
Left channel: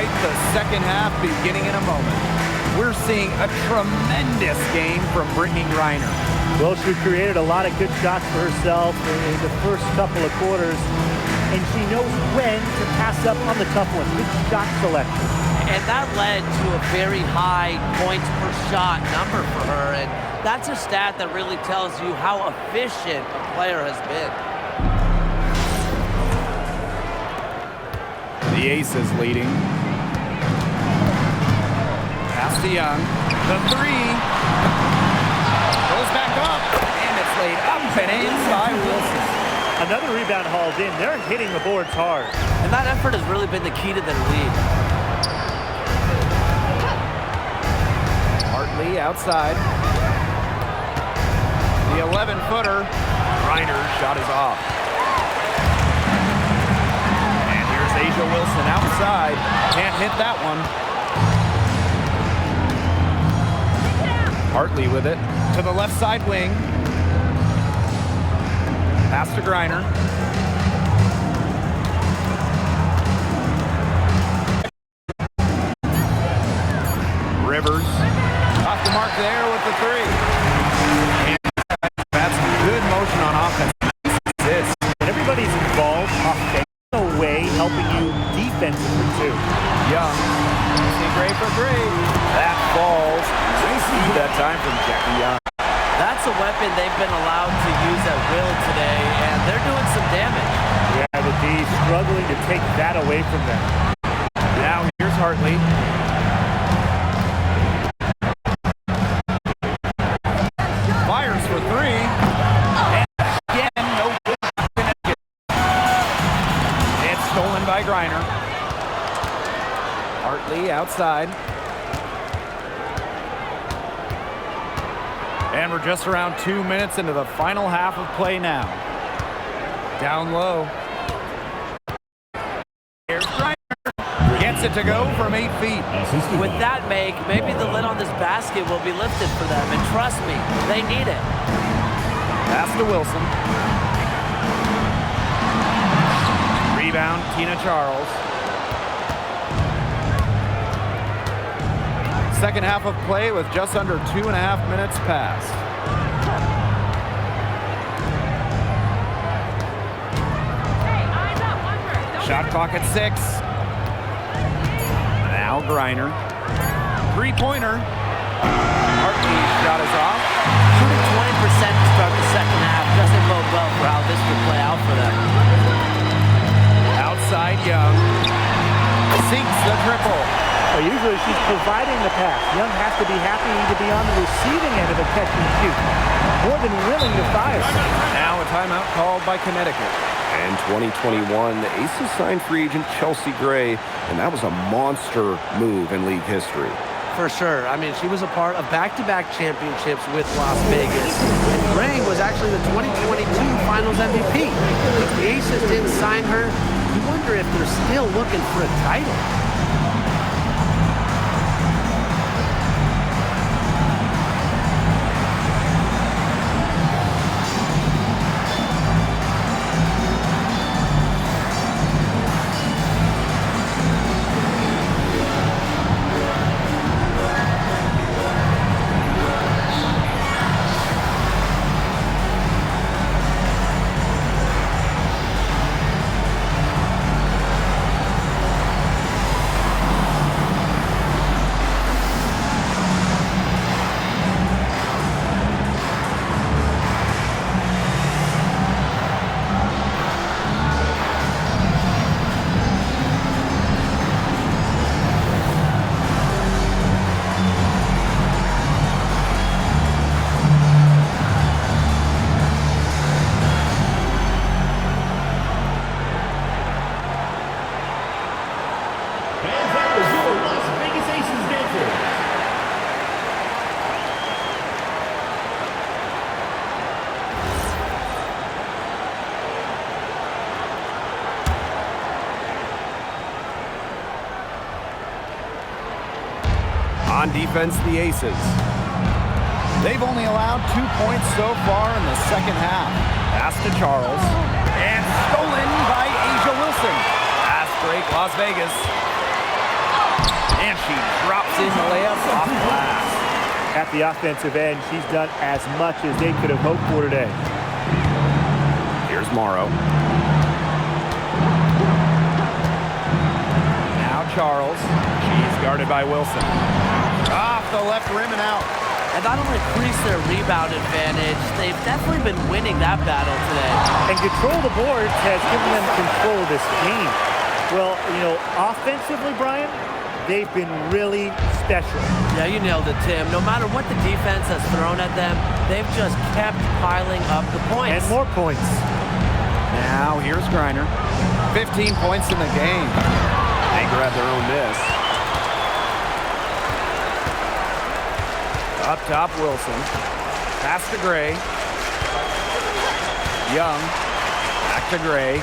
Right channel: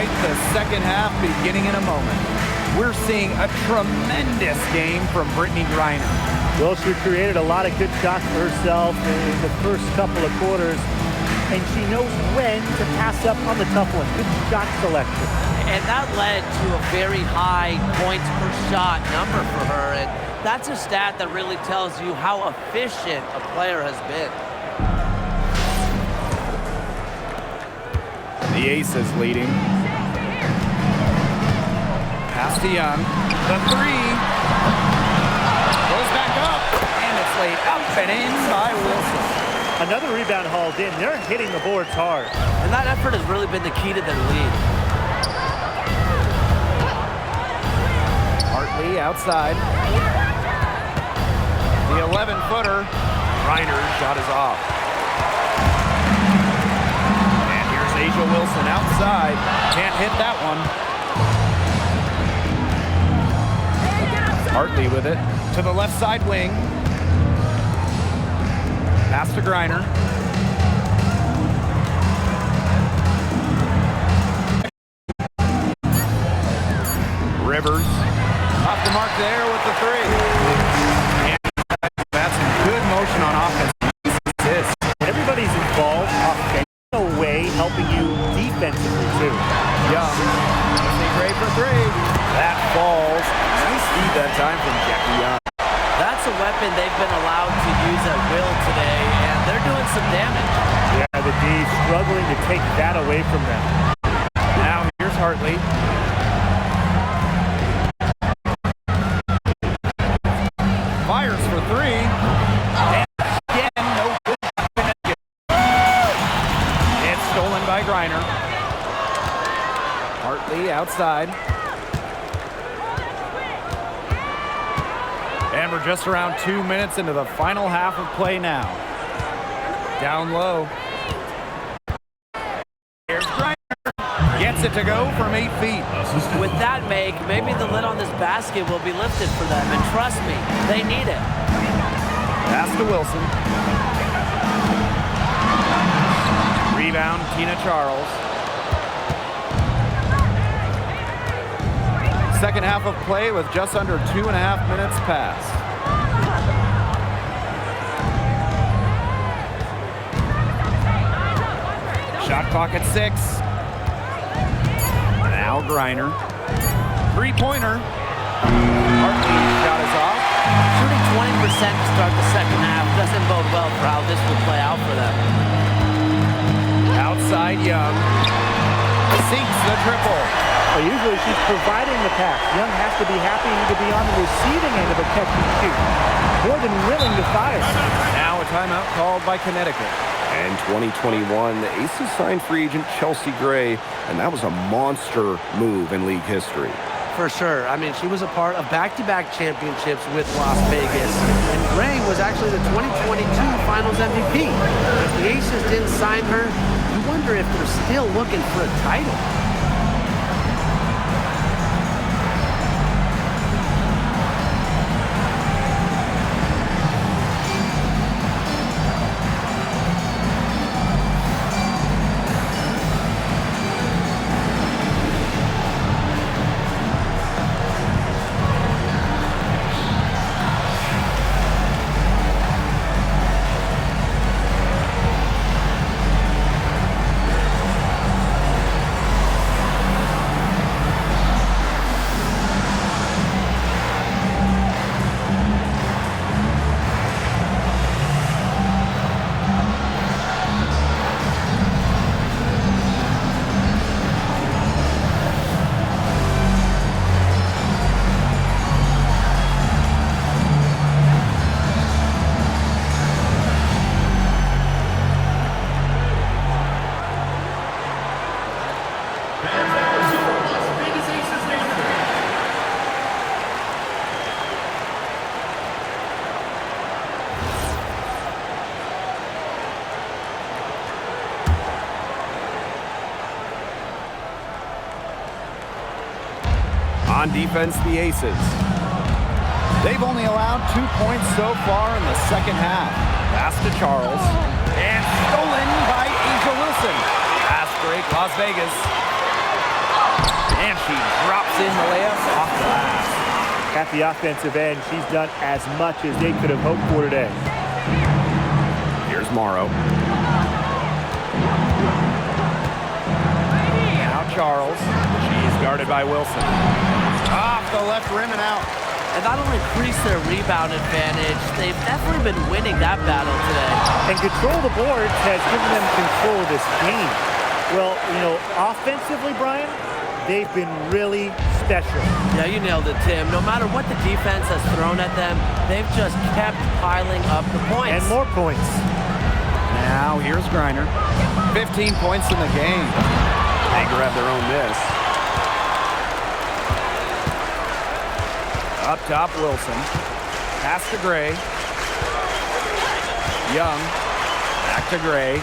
right, the second half beginning in a moment. We're seeing a tremendous game from Brittany Griner. Well, she created a lot of good shots for herself in the first couple of quarters, and she knows when to pass up on the tough ones. Good shot selection. And that led to a very high points per shot number for her, and that's a stat that really tells you how efficient a player has been. The Aces leading. Pass to Young. The three. Goes back up. And it's laid up and in by Wilson. Another rebound hauled in. They're hitting the boards hard. And that effort has really been the key to their lead. Hartley outside. The 11-footer. Reiner's shot is off. And here's Asia Wilson outside. Can't hit that one. Hartley with it. To the left side wing. Pass to Griner. Rivers. Off the mark there with the three. And that's good motion on offense. Nice assist. When everybody's involved offensively, in a way helping you defensively too. Young. Mostly great for three. That falls. Nice feed that time from Jackie Young. That's a weapon they've been allowed to use at will today, and they're doing some damage. Yeah, the D struggling to take that away from them. Now here's Hartley. Fires for three. And again, no good. It's stolen by Griner. Hartley outside. And we're just around 2 minutes into the final half of play now. Down low. Here's Griner. Gets it to go from 8 feet. With that make, maybe the lid on this basket will be lifted for them. And trust me, they need it. Pass to Wilson. Rebound, Tina Charles. Second half of play with just under 2.5 minutes passed. Shot clock at 6. Now Griner. Three-pointer. Hartley's shot is off. Shooting 20% to start the second half doesn't bode well for how this will play out for them. Outside Young. Sinks the triple. Well, usually she's providing the pass. Young has to be happy to be on the receiving end of a catch and shoot. More than willing to fire. Now a timeout called by Connecticut. And 2021, the Aces signed free agent Chelsea Gray, and that was a monster move in league history. For sure. I mean, she was a part of back-to-back championships with Las Vegas. And Gray was actually the 2022 Finals MVP. If the Aces didn't sign her, you wonder if they're still looking for a title. On defense, the Aces. They've only allowed 2 points so far in the second half. Pass to Charles. And stolen by Asia Wilson. Pass break, Las Vegas. And she drops in the layup off glass. At the offensive end, she's done as much as they could have hoped for today. Here's Morrow. Now Charles. She's guarded by Wilson. Off the left rim and out. And that'll increase their rebound advantage. They've definitely been winning that battle today. And control of the boards has given them control of this game. Well, you know, offensively, Brian, they've been really special. Yeah, you nailed it, Tim. No matter what the defense has thrown at them, they've just kept piling up the points. And more points. Now here's Griner. 15 points in the game. They grab their own miss. Up top, Wilson. Pass to Gray. Young. Back to Gray.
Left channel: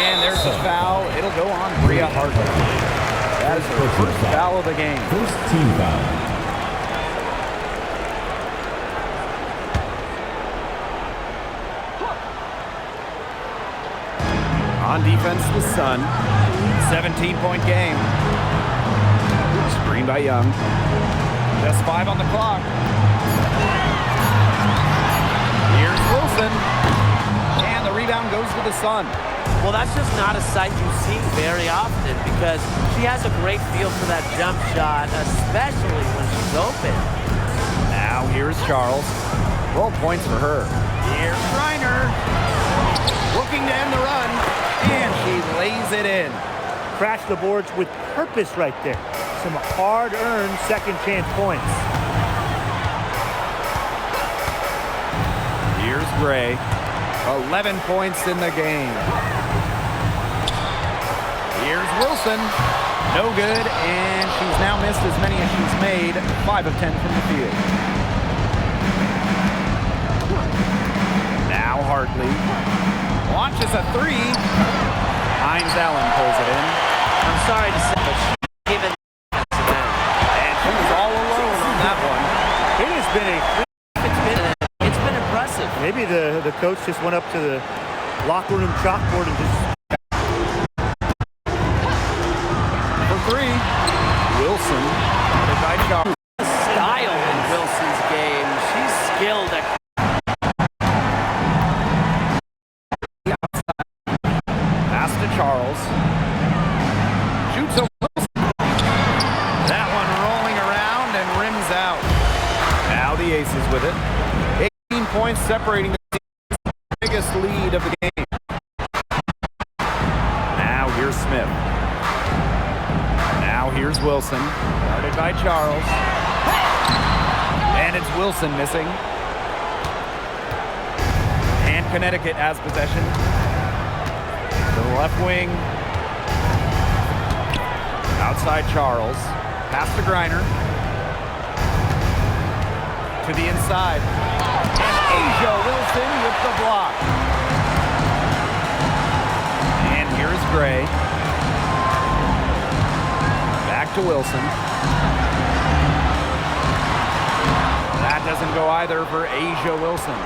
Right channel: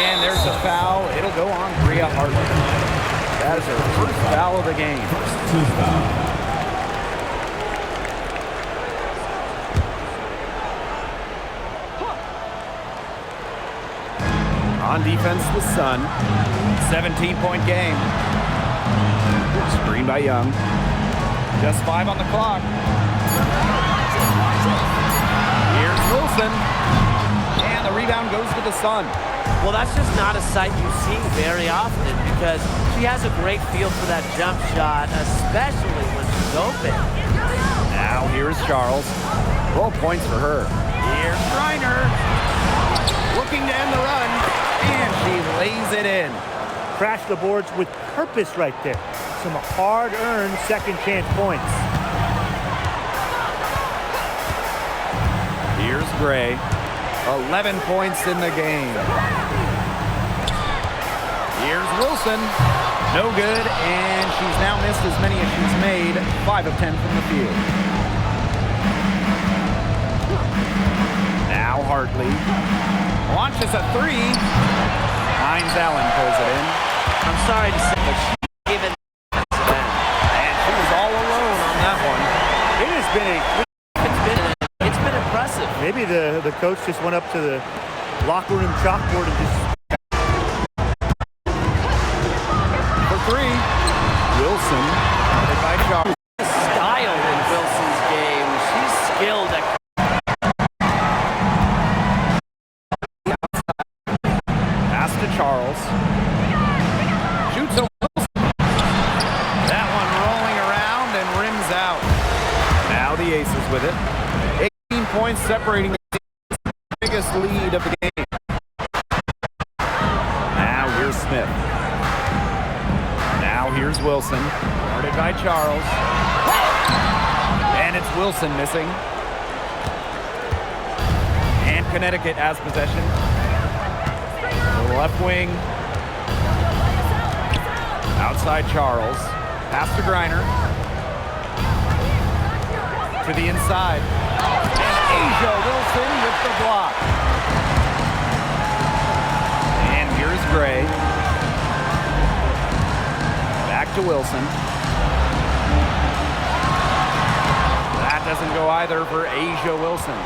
And there's a foul. It'll go on Bria Hartley. That is her first foul of the game. First team foul. On defense, the Sun. 17-point game. Screen by Young. Just 5 on the clock. Here's Wilson. And the rebound goes to the Sun. Well, that's just not a sight you see very often because she has a great feel for that jump shot, especially when she's open. Now here's Charles. 12 points for her. Here's Griner. Looking to end the run. And she lays it in. Crash the boards with purpose right there. Some hard-earned second-chance points. Here's Gray. 11 points in the game. Here's Wilson. No good, and she's now missed as many as she's made. 5 of 10 from the field. Now Hartley. Launches a 3. Hines Allen pulls it in. I'm sorry to say, but she's given the defensive end. And she was all alone on that one. It has been It's been impressive. maybe the coach just went up to the locker room chalkboard and just... For 3, Wilson, guarded by Charles. Style in Wilson's game. She's skilled at Pass to Charles. Shoots a Wilson. That one rolling around and rims out. Now the Aces with it. 18 points separating the biggest lead of the game. Now here's Smith. Now here's Wilson. Guarded by Charles. And it's Wilson missing. And Connecticut has possession. To the left wing. Outside Charles. Pass to Griner. To the inside. And Asia Wilson with the block. And here's Gray. Back to Wilson. That doesn't go either for Asia Wilson.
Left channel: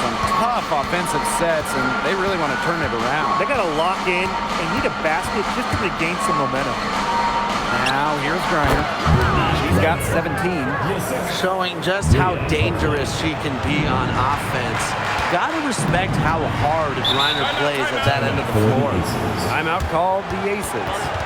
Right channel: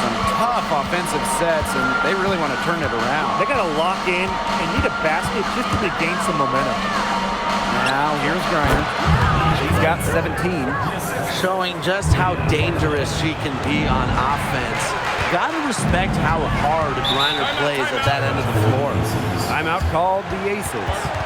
Some tough offensive sets, and they really want to turn it around. They got to lock in and need a basket just to regain some momentum. Now here's Griner. She's got 17. Showing just how dangerous she can be on offense. Gotta respect how hard Griner plays at that end of the floor. Timeout called the Aces.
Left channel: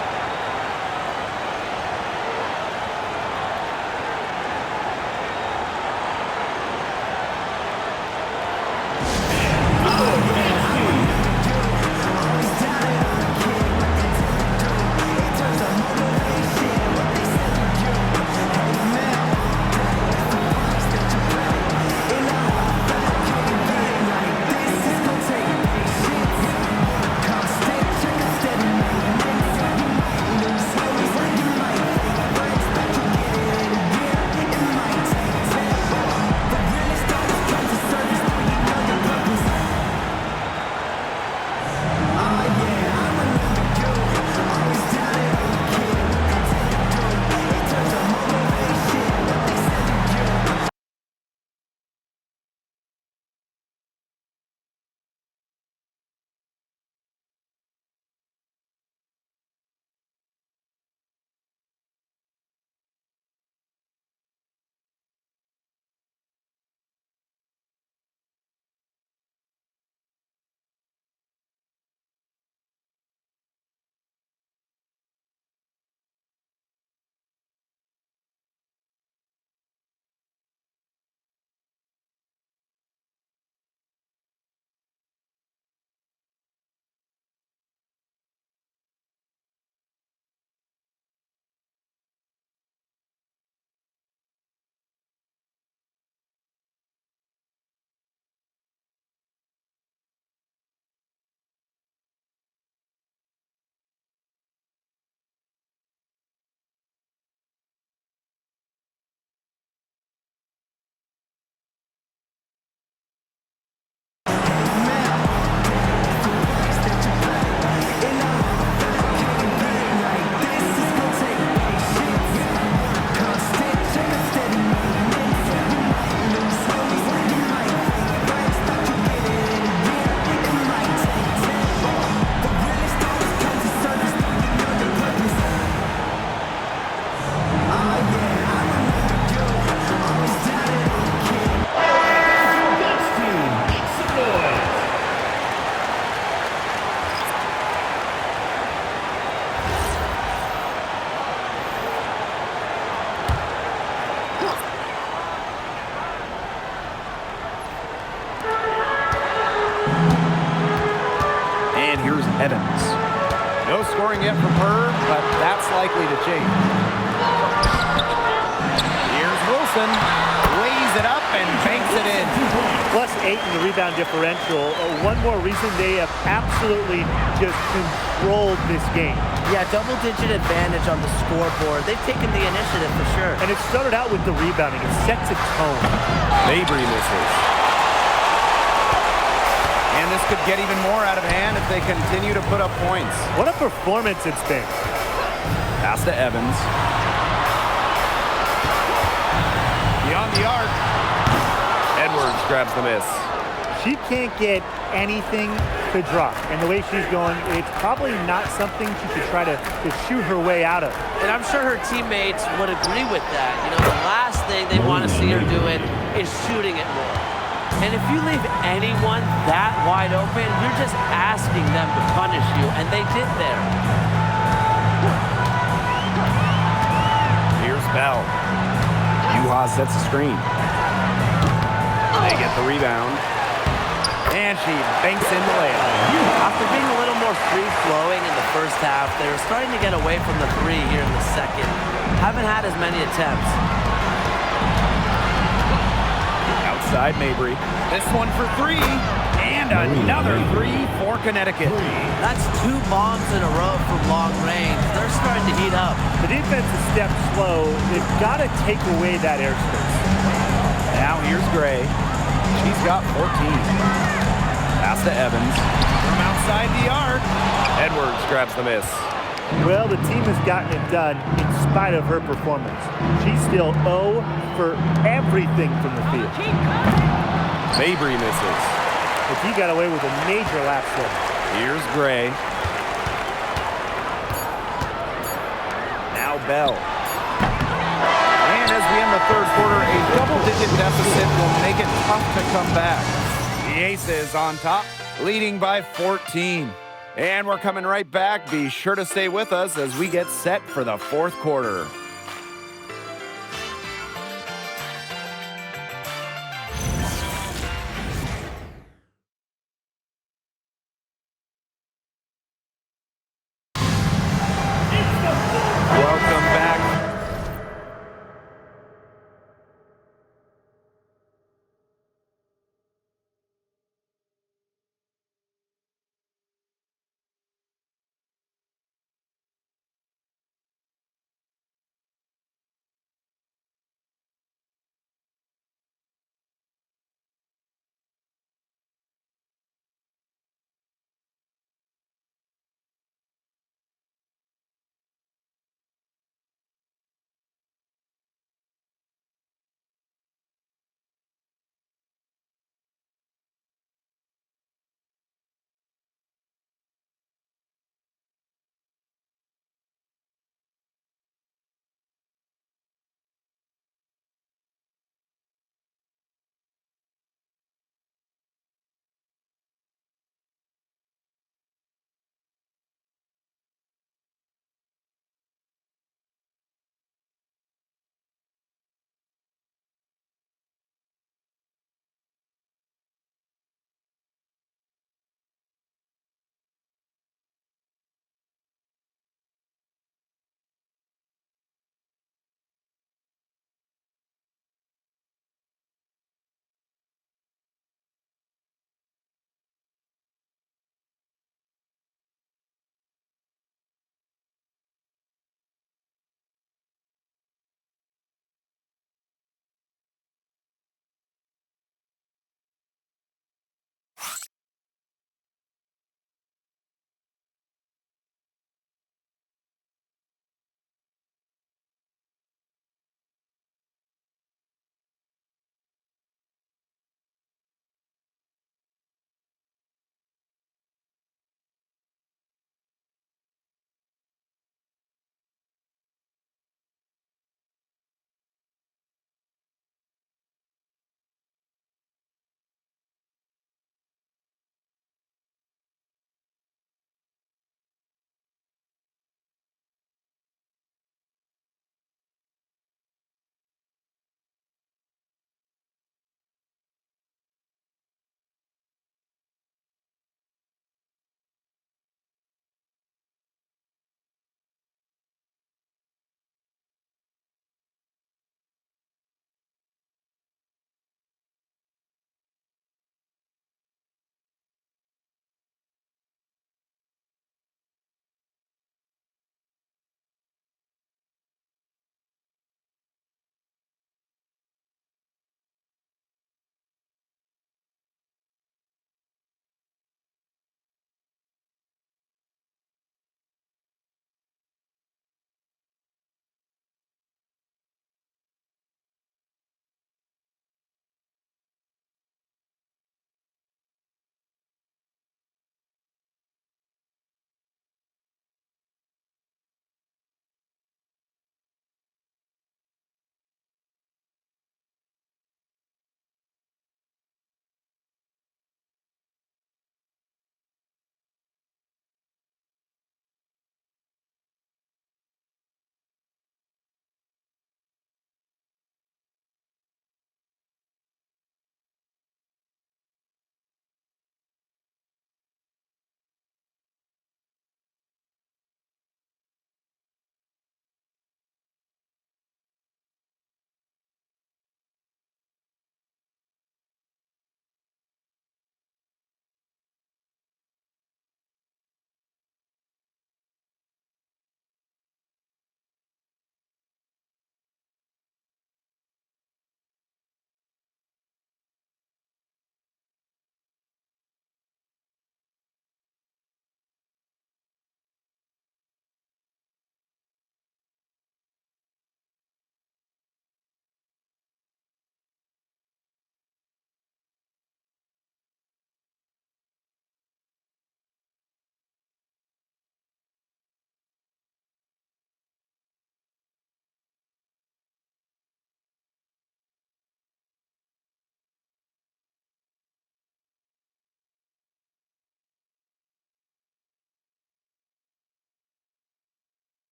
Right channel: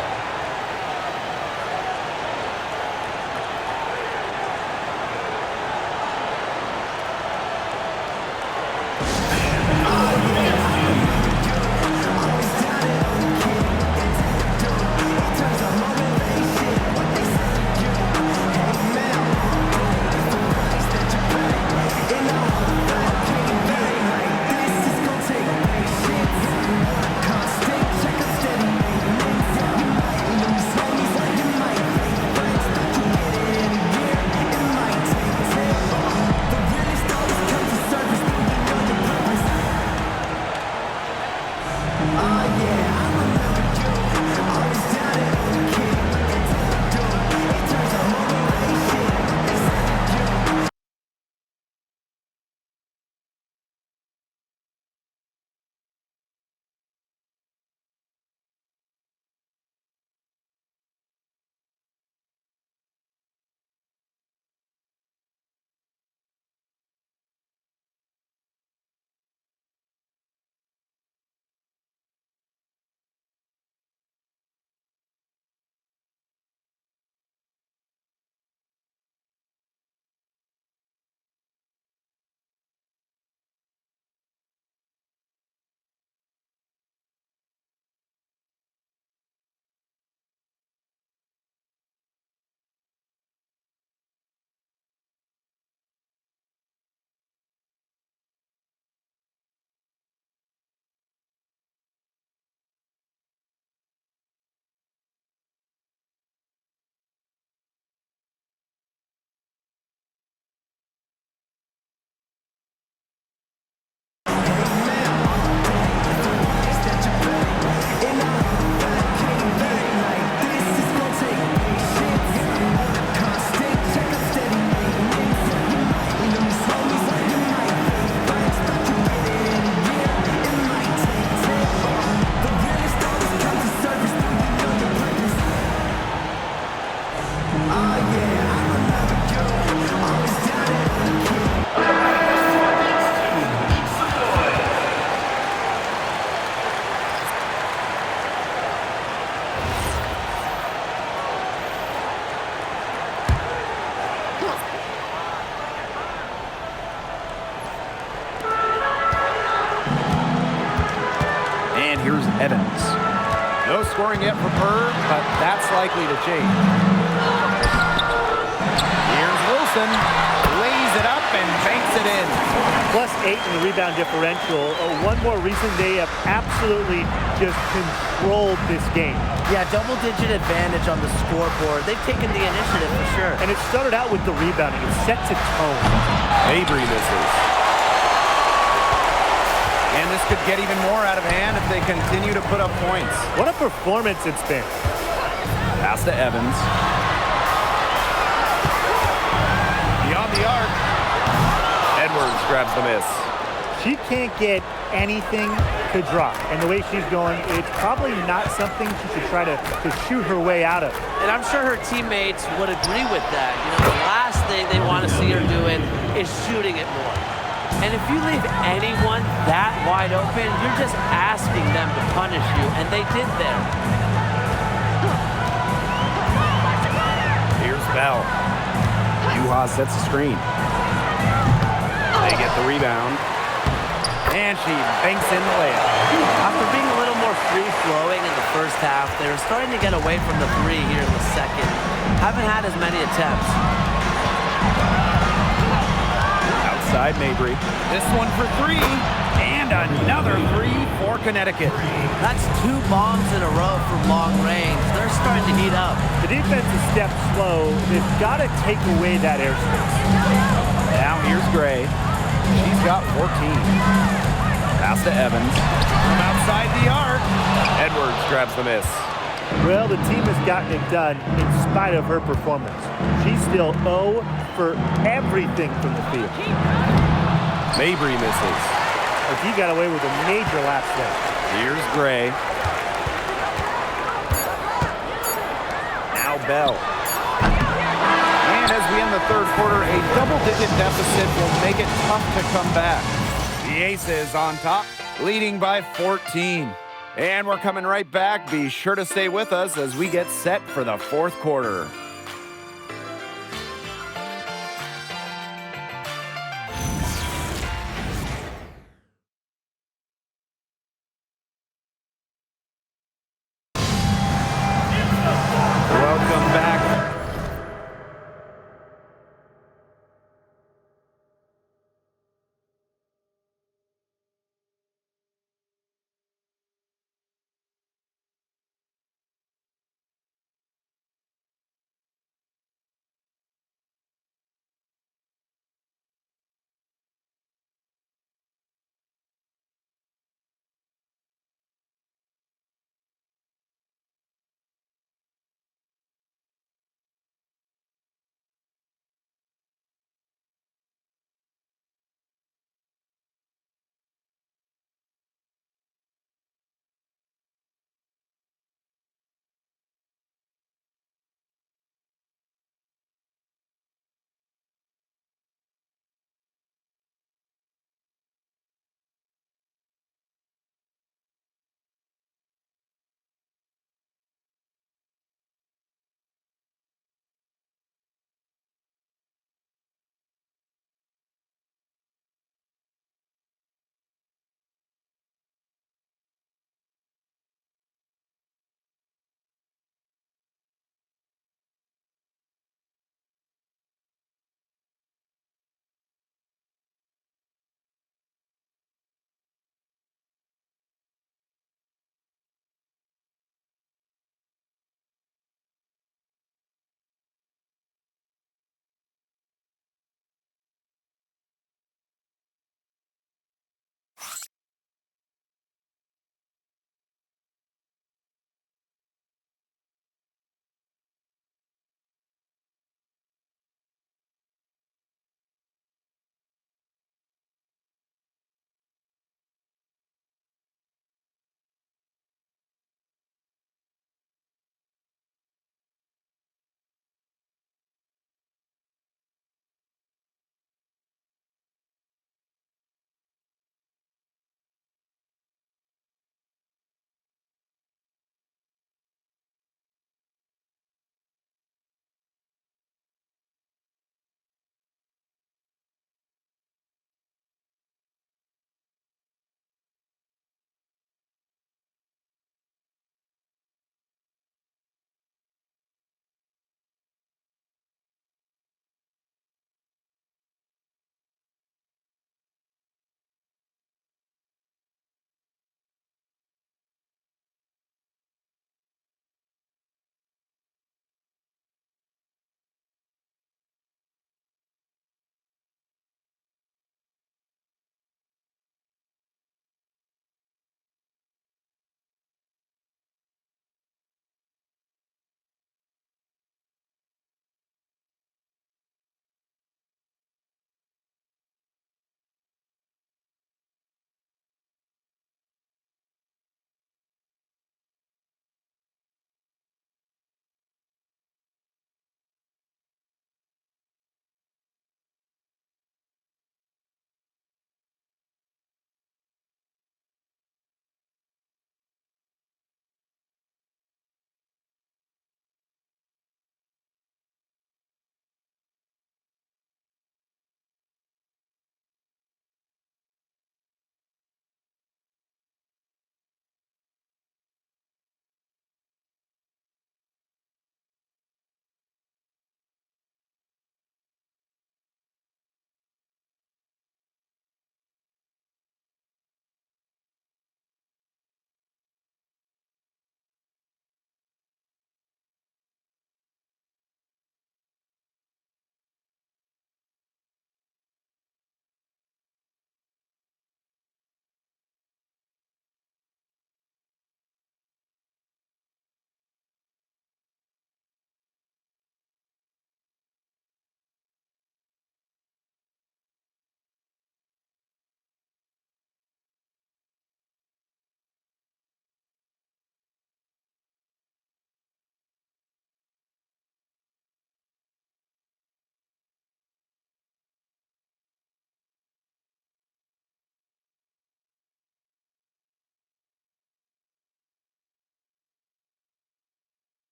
And here's Evans. No scoring yet for Purr, but that's likely to change. Here's Wilson. Lays it up and banks it in. +8 in the rebound differential. One more reason they have absolutely just controlled this game. Yeah, double-digit advantage on the scoreboard. They've taken the initiative for sure. And it started out with the rebounding. It sets a tone. Mabry misses. And this could get even more out of hand if they continue to put up points. What a performance it's been. Pass to Evans. Beyond the arc. Edwards grabs the miss. She can't get anything to drop. And the way she's going, it's probably not something she should try to shoot her way out of. And I'm sure her teammates would agree with that. You know, the last thing they want to see her doing is shooting it more. And if you leave anyone that wide open, you're just asking them to punish you, and they did there. Here's Bell. Yuha sets the screen. They get the rebound. And she banks in the layup. After being a little more free-flowing in the first half, they were starting to get away from the three here in the second. Haven't had as many attempts. Outside Mabry. This one for three. And another three for Connecticut. That's 2 bombs in a row from long range. They're starting to heat up. The defense is stepped slow. They've got to take away that airspace. Now here's Gray. She's got 14. Pass to Evans. From outside the arc. Edwards grabs the miss. Well, the team has gotten it done in spite of her performance. She's still 0 for everything from the field. Mabry misses. But he got away with a major lapse there. Here's Gray. Now Bell. And as we end the third quarter, a double-digit deficit will make it tough to come back. The Aces on top, leading by 14. And we're coming right back. Be sure to stay with us as we get set for the fourth quarter. Welcome back.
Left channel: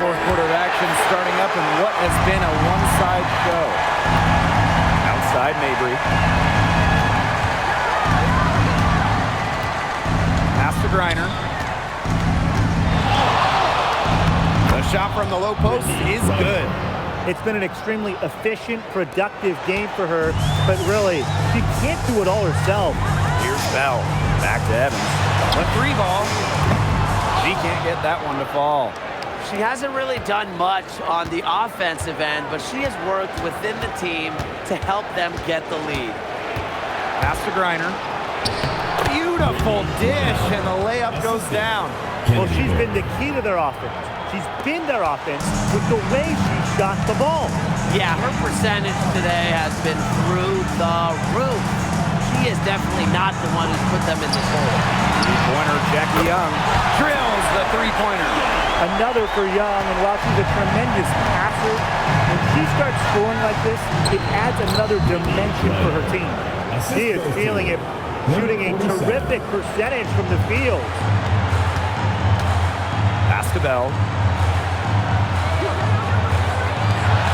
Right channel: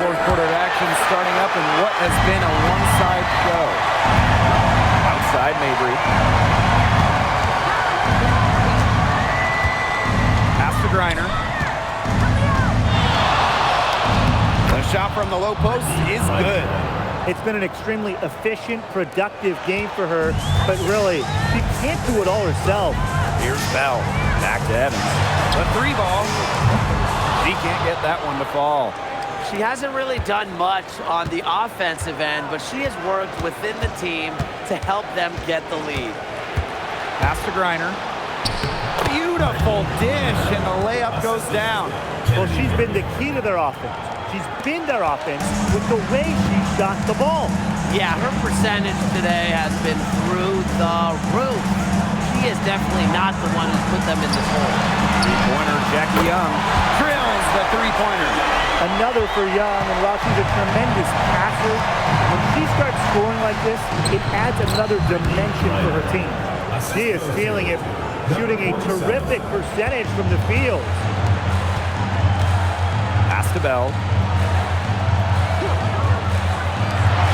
Fourth quarter of action starting up in what has been a one-side show. Outside Mabry. Pass to Griner. The shot from the low post is good. It's been an extremely efficient, productive game for her, but really, she can't do it all herself. Here's Bell. Back to Evans. The three ball. She can't get that one to fall. She hasn't really done much on the offensive end, but she has worked within the team to help them get the lead. Pass to Griner. Beautiful dish, and the layup goes down. Well, she's been the key to their offense. She's been their offense with the way she shot the ball. Yeah, her percentage today has been through the roof. She is definitely not the one who's put them in this hole. Three-pointer, Jackie Young drills the three-pointer. Another for Young, and while she's a tremendous passer, when she starts scoring like this, it adds another dimension for her team. She is feeling it, shooting a terrific percentage from the field. Pass to Bell.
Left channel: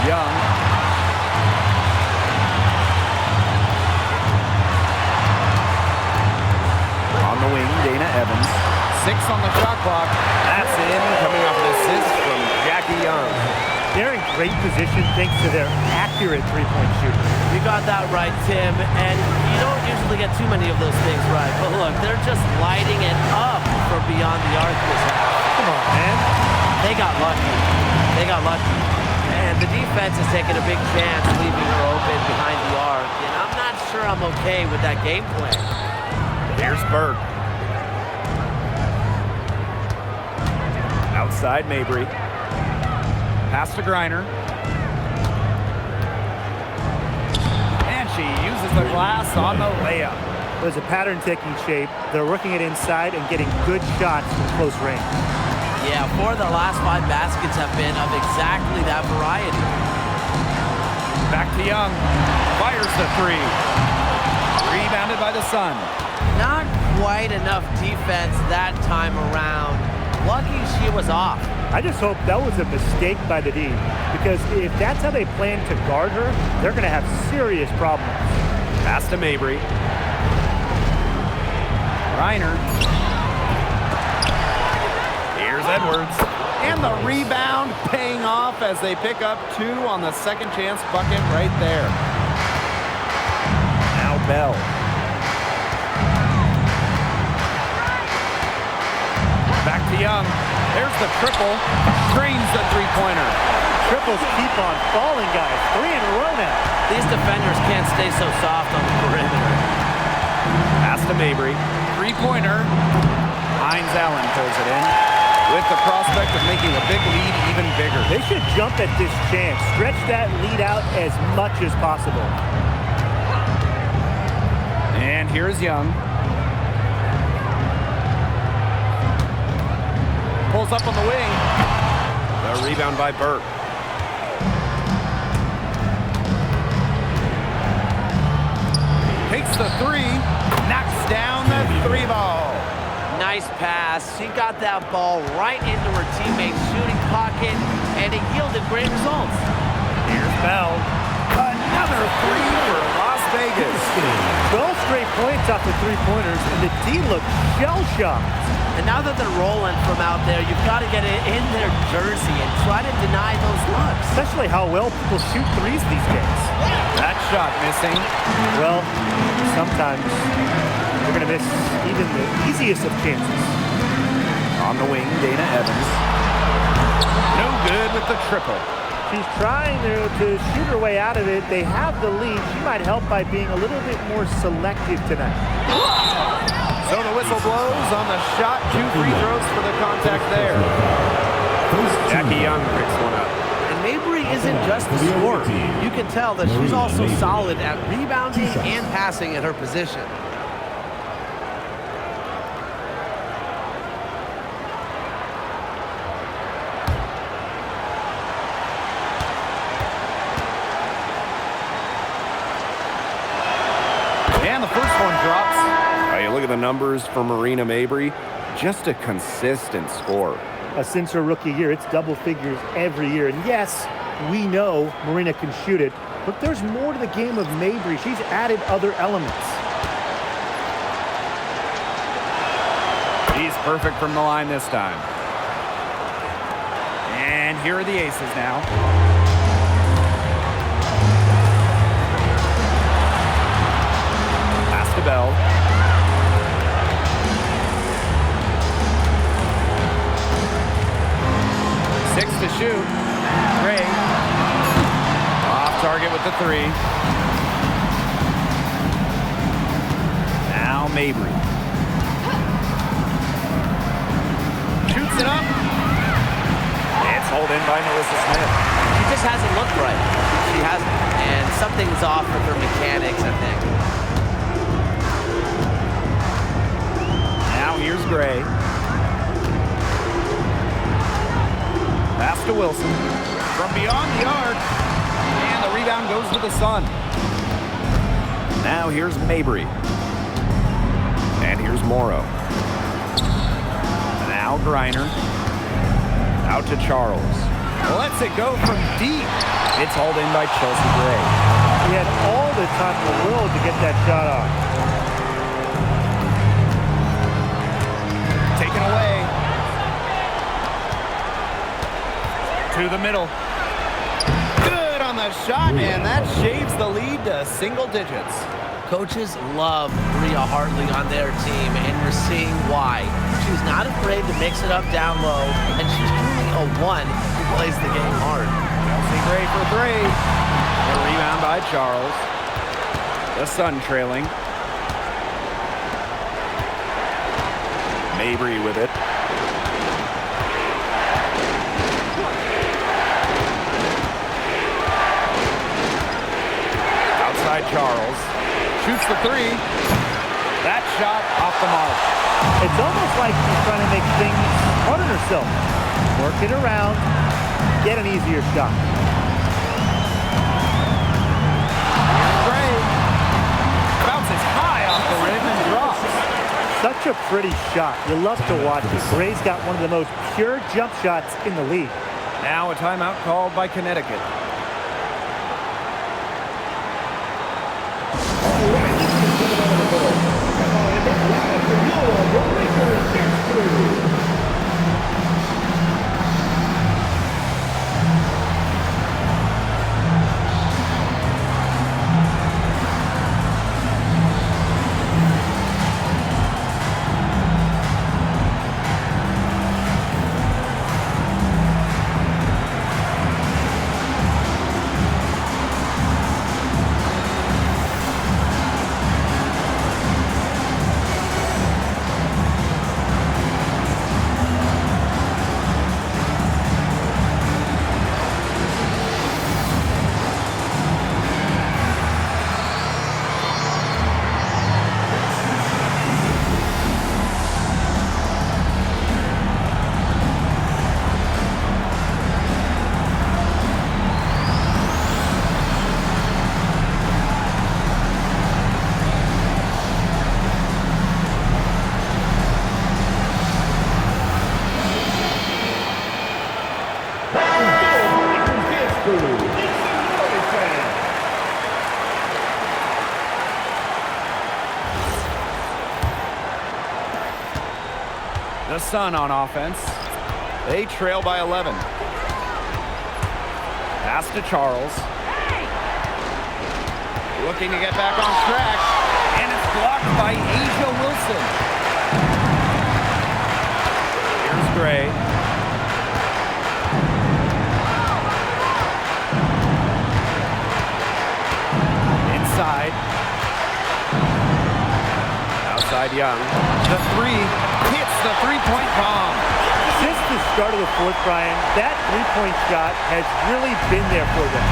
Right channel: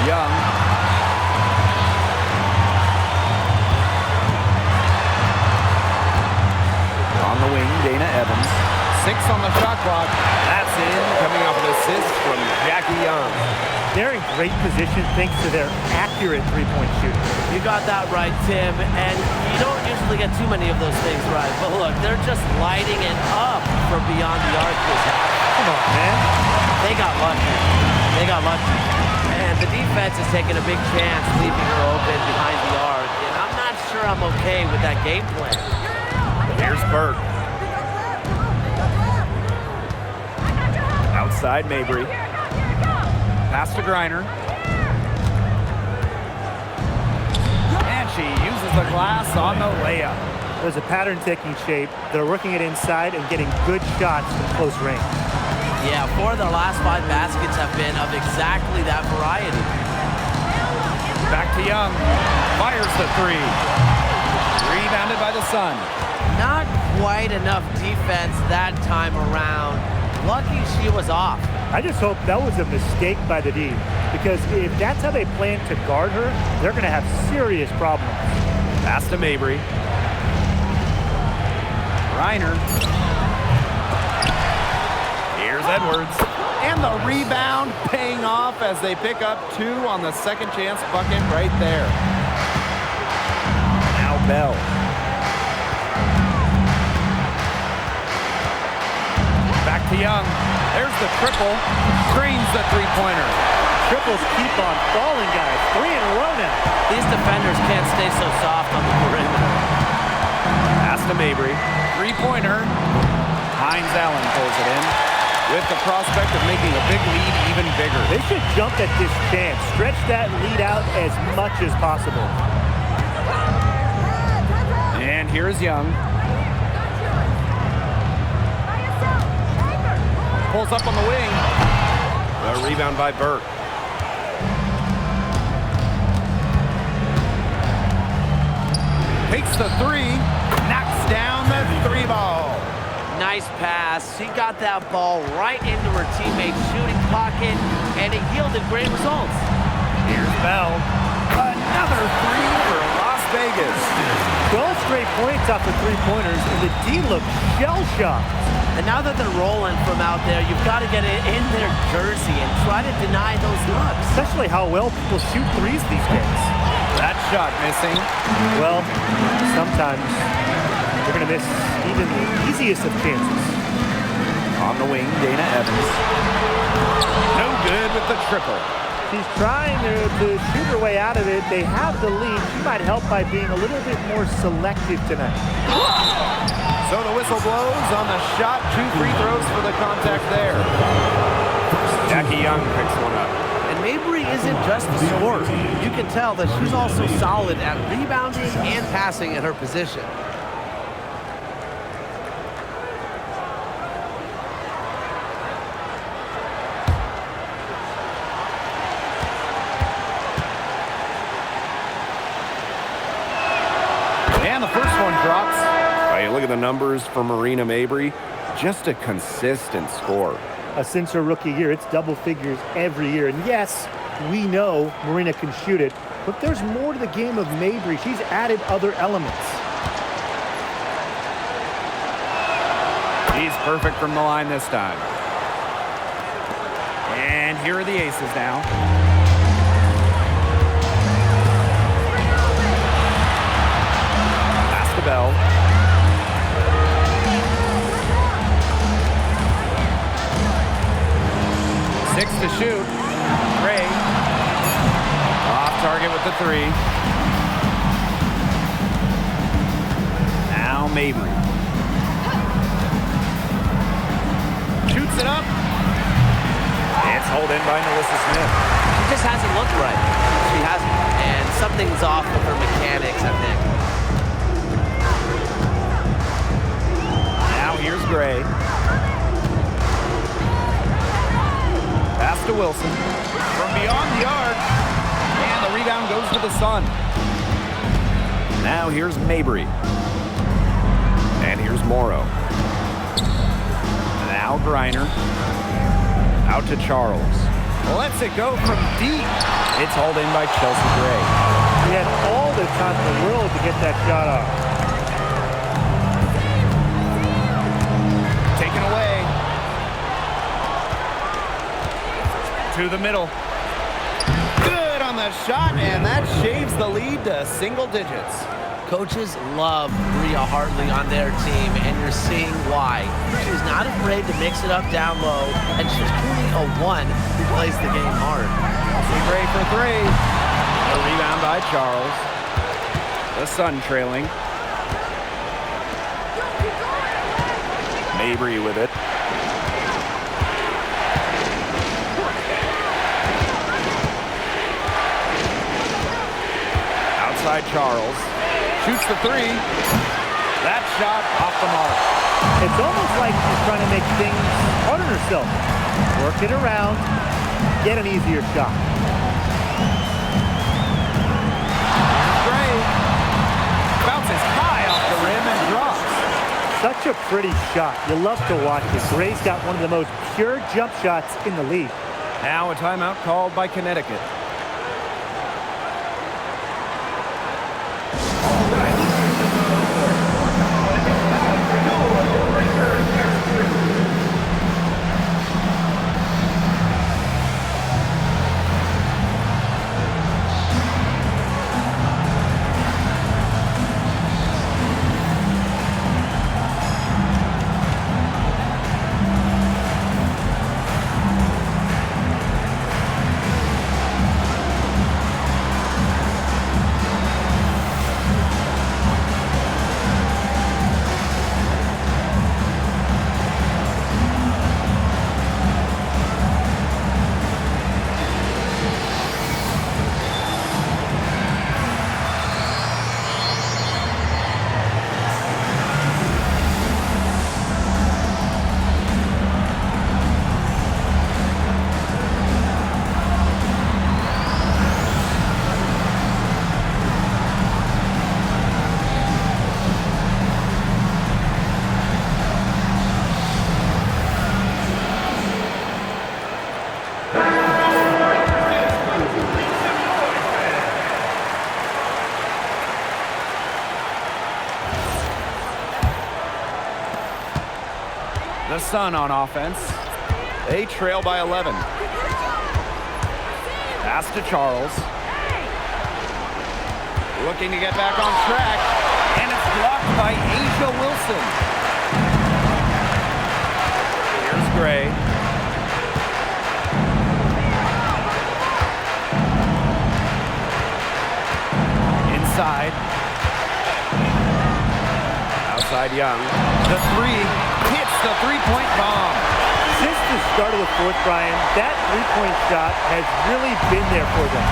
Young. On the wing, Dana Evans. 6 on the shot clock. That's in, coming off an assist from Jackie Young. They're in great position thanks to their accurate three-point shooting. You got that right, Tim, and you don't usually get too many of those things right. But look, they're just lighting it up for beyond the arc this half. Come on, man. They got lucky. They got lucky. And the defense is taking a big chance leaving her open behind the arc, and I'm not sure I'm okay with that game plan. Here's Burke. Outside Mabry. Pass to Griner. And she uses the glass on the layup. There's a pattern taking shape. They're working it inside and getting good shots from close range. Yeah, 4 of their last 5 baskets have been of exactly that variety. Back to Young. Fires the three. Rebounded by the Sun. Not quite enough defense that time around. Lucky she was off. I just hope that was a mistake by the D, because if that's how they plan to guard her, they're going to have serious problems. Pass to Mabry. Griner. Here's Edwards. And the rebound paying off as they pick up 2 on the second chance bucket right there. Now Bell. Back to Young. There's the triple. Drains the three-pointer. Triples keep on falling, guys. 3 in a row now. These defenders can't stay so soft on the perimeter. Pass to Mabry. Three-pointer. Hines Allen pulls it in with the prospect of making a big lead even bigger. They should jump at this chance. Stretch that lead out as much as possible. And here's Young. Pulls up on the wing. The rebound by Burke. Takes the three. Knocks down the three ball. Nice pass. She got that ball right into her teammate's shooting pocket, and it yielded great results. Here's Bell. Another three for Las Vegas. 12 straight points off the three-pointers, and the D looks shell-shocked. And now that they're rolling from out there, you've got to get it in their jersey and try to deny those looks. Especially how well people shoot threes these days. That shot missing. Well, sometimes you're going to miss even the easiest of chances. On the wing, Dana Evans. No good with the triple. She's trying to shoot her way out of it. They have the lead. She might help by being a little bit more selective tonight. So the whistle blows on the shot. 2 free throws for the contact there. Jackie Young picks one up. And Mabry isn't just a scorer. You can tell that she's also solid at rebounding and passing at her position. And the first one drops. You look at the numbers for Marina Mabry, just a consistent score. Since her rookie year. It's double figures every year. And yes, we know Marina can shoot it, but there's more to the game of Mabry. She's added other elements. She's perfect from the line this time. And here are the aces now. Pass to Bell. Six to shoot. Gray. Off target with the three. Now Mabry. Shoots it up. It's hauled in by Melissa Smith. She just hasn't looked right. She hasn't. And something's off with her mechanics, I think. Now here's Gray. Pass to Wilson. From beyond the arc. And the rebound goes to the Sun. Now here's Mabry. And here's Morrow. Now Griner. Out to Charles. Lets it go from deep. It's hauled in by Chelsea Gray. He had all the time in the world to get that shot off. Taken away. To the middle. Good on the shot, and that shaves the lead to single digits. Coaches love Bria Hartley on their team, and you're seeing why. She's not afraid to mix it up down low, and she's truly a one who plays the game hard. Chelsea Gray for three. A rebound by Charles. The Sun trailing. Mabry with it. Outside Charles. Shoots the three. That shot off the mark. It's almost like she's trying to make things hard on herself. Work it around, get an easier shot. Here's Gray. Bounces high off the rim and drops. Such a pretty shot. You love to watch it. Gray's got one of the most pure jump shots in the league. Now a timeout called by Connecticut. The Sun on offense. They trail by 11. Pass to Charles. Looking to get back on track. And it's blocked by Asia Wilson. Here's Gray. Inside. Outside Young. The three. Hits the three-point bomb. Since the start of the fourth, Brian, that three-point shot has really been there for them.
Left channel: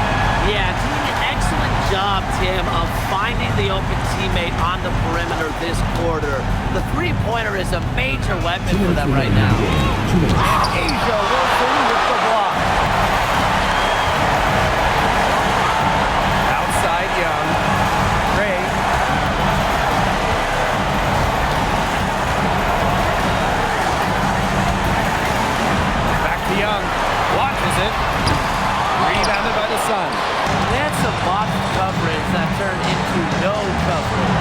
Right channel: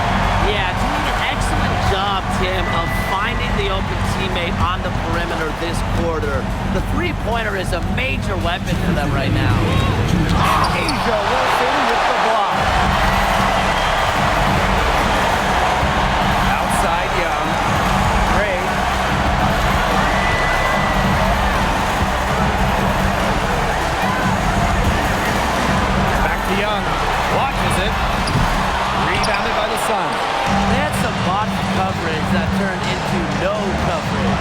Yeah, doing an excellent job, Tim, of finding the open teammate on the perimeter this quarter. The three-pointer is a major weapon for them right now. And Asia Wilson with the block. Outside Young. Gray. to Young. Launches it. Rebounded by the Sun. They had some botched coverage that turned into no coverage.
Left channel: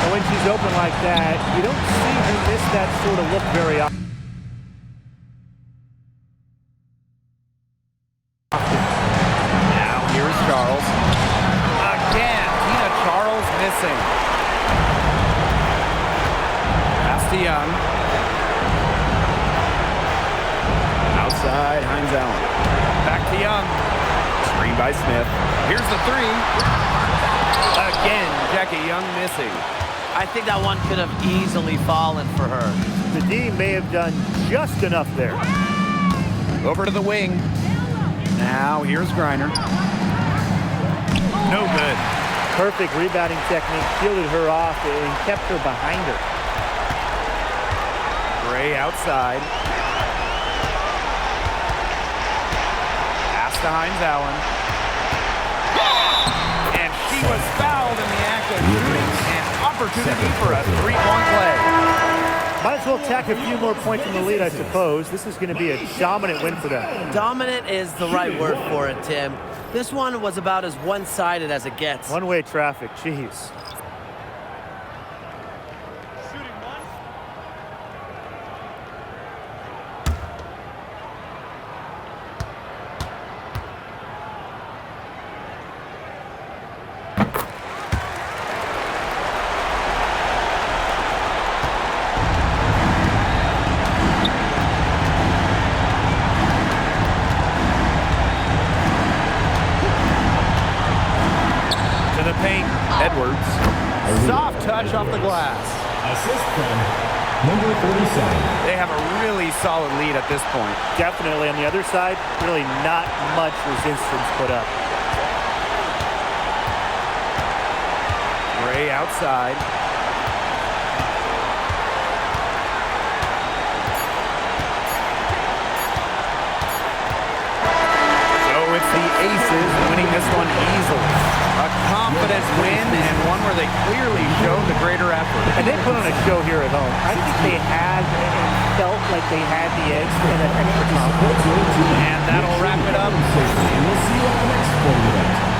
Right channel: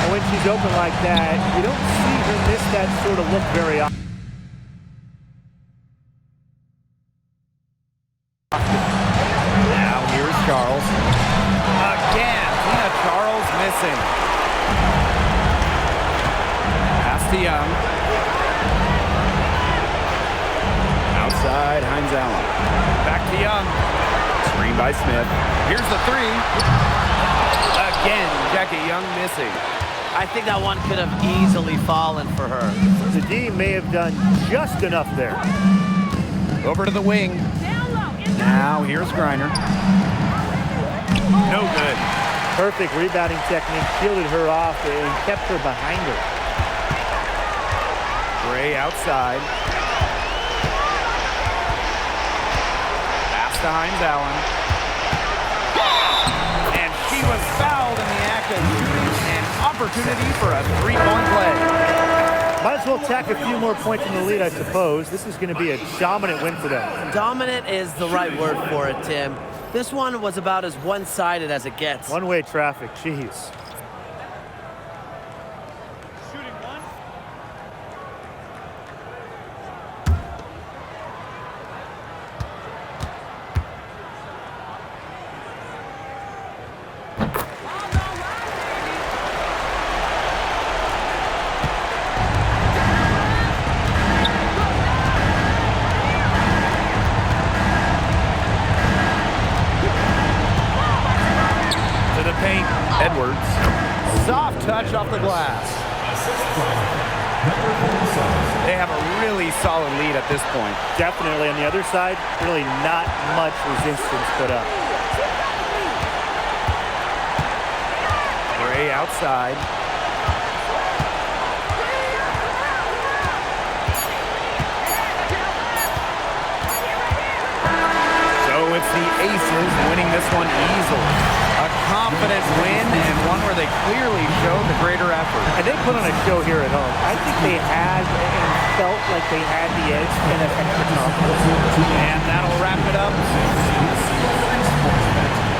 And when she's open like that, you don't see her miss that sort of look very often. Now here's Charles. Again, Tina Charles missing. Pass to Young. Outside, Hines Allen. Back to Young. Screen by Smith. Here's the three. Again, Jackie Young missing. I think that one could have easily fallen for her. The D may have done just enough there. Over to the wing. Now here's Griner. No good. Perfect rebounding technique, shielded her off and kept her behind her. Gray outside. Pass to Hines Allen. And she was fouled in the act of shooting. An opportunity for a three-point play. Might as well tack a few more points in the lead, I suppose. This is going to be a dominant win for them. Dominant is the right word for it, Tim. This one was about as one-sided as it gets. One-way traffic, jeez. To the paint, Edwards. Soft touch off the glass. Assist from number 47. They have a really solid lead at this point. Definitely on the other side, really not much resistance put up. Gray outside. So it's the Aces winning this one easily. A confident win and one where they clearly showed the greater effort. And they put on a show here at home. I think they had and felt like they had the edge and that extra confidence. And that'll wrap it up. We'll see you on the next sporting event.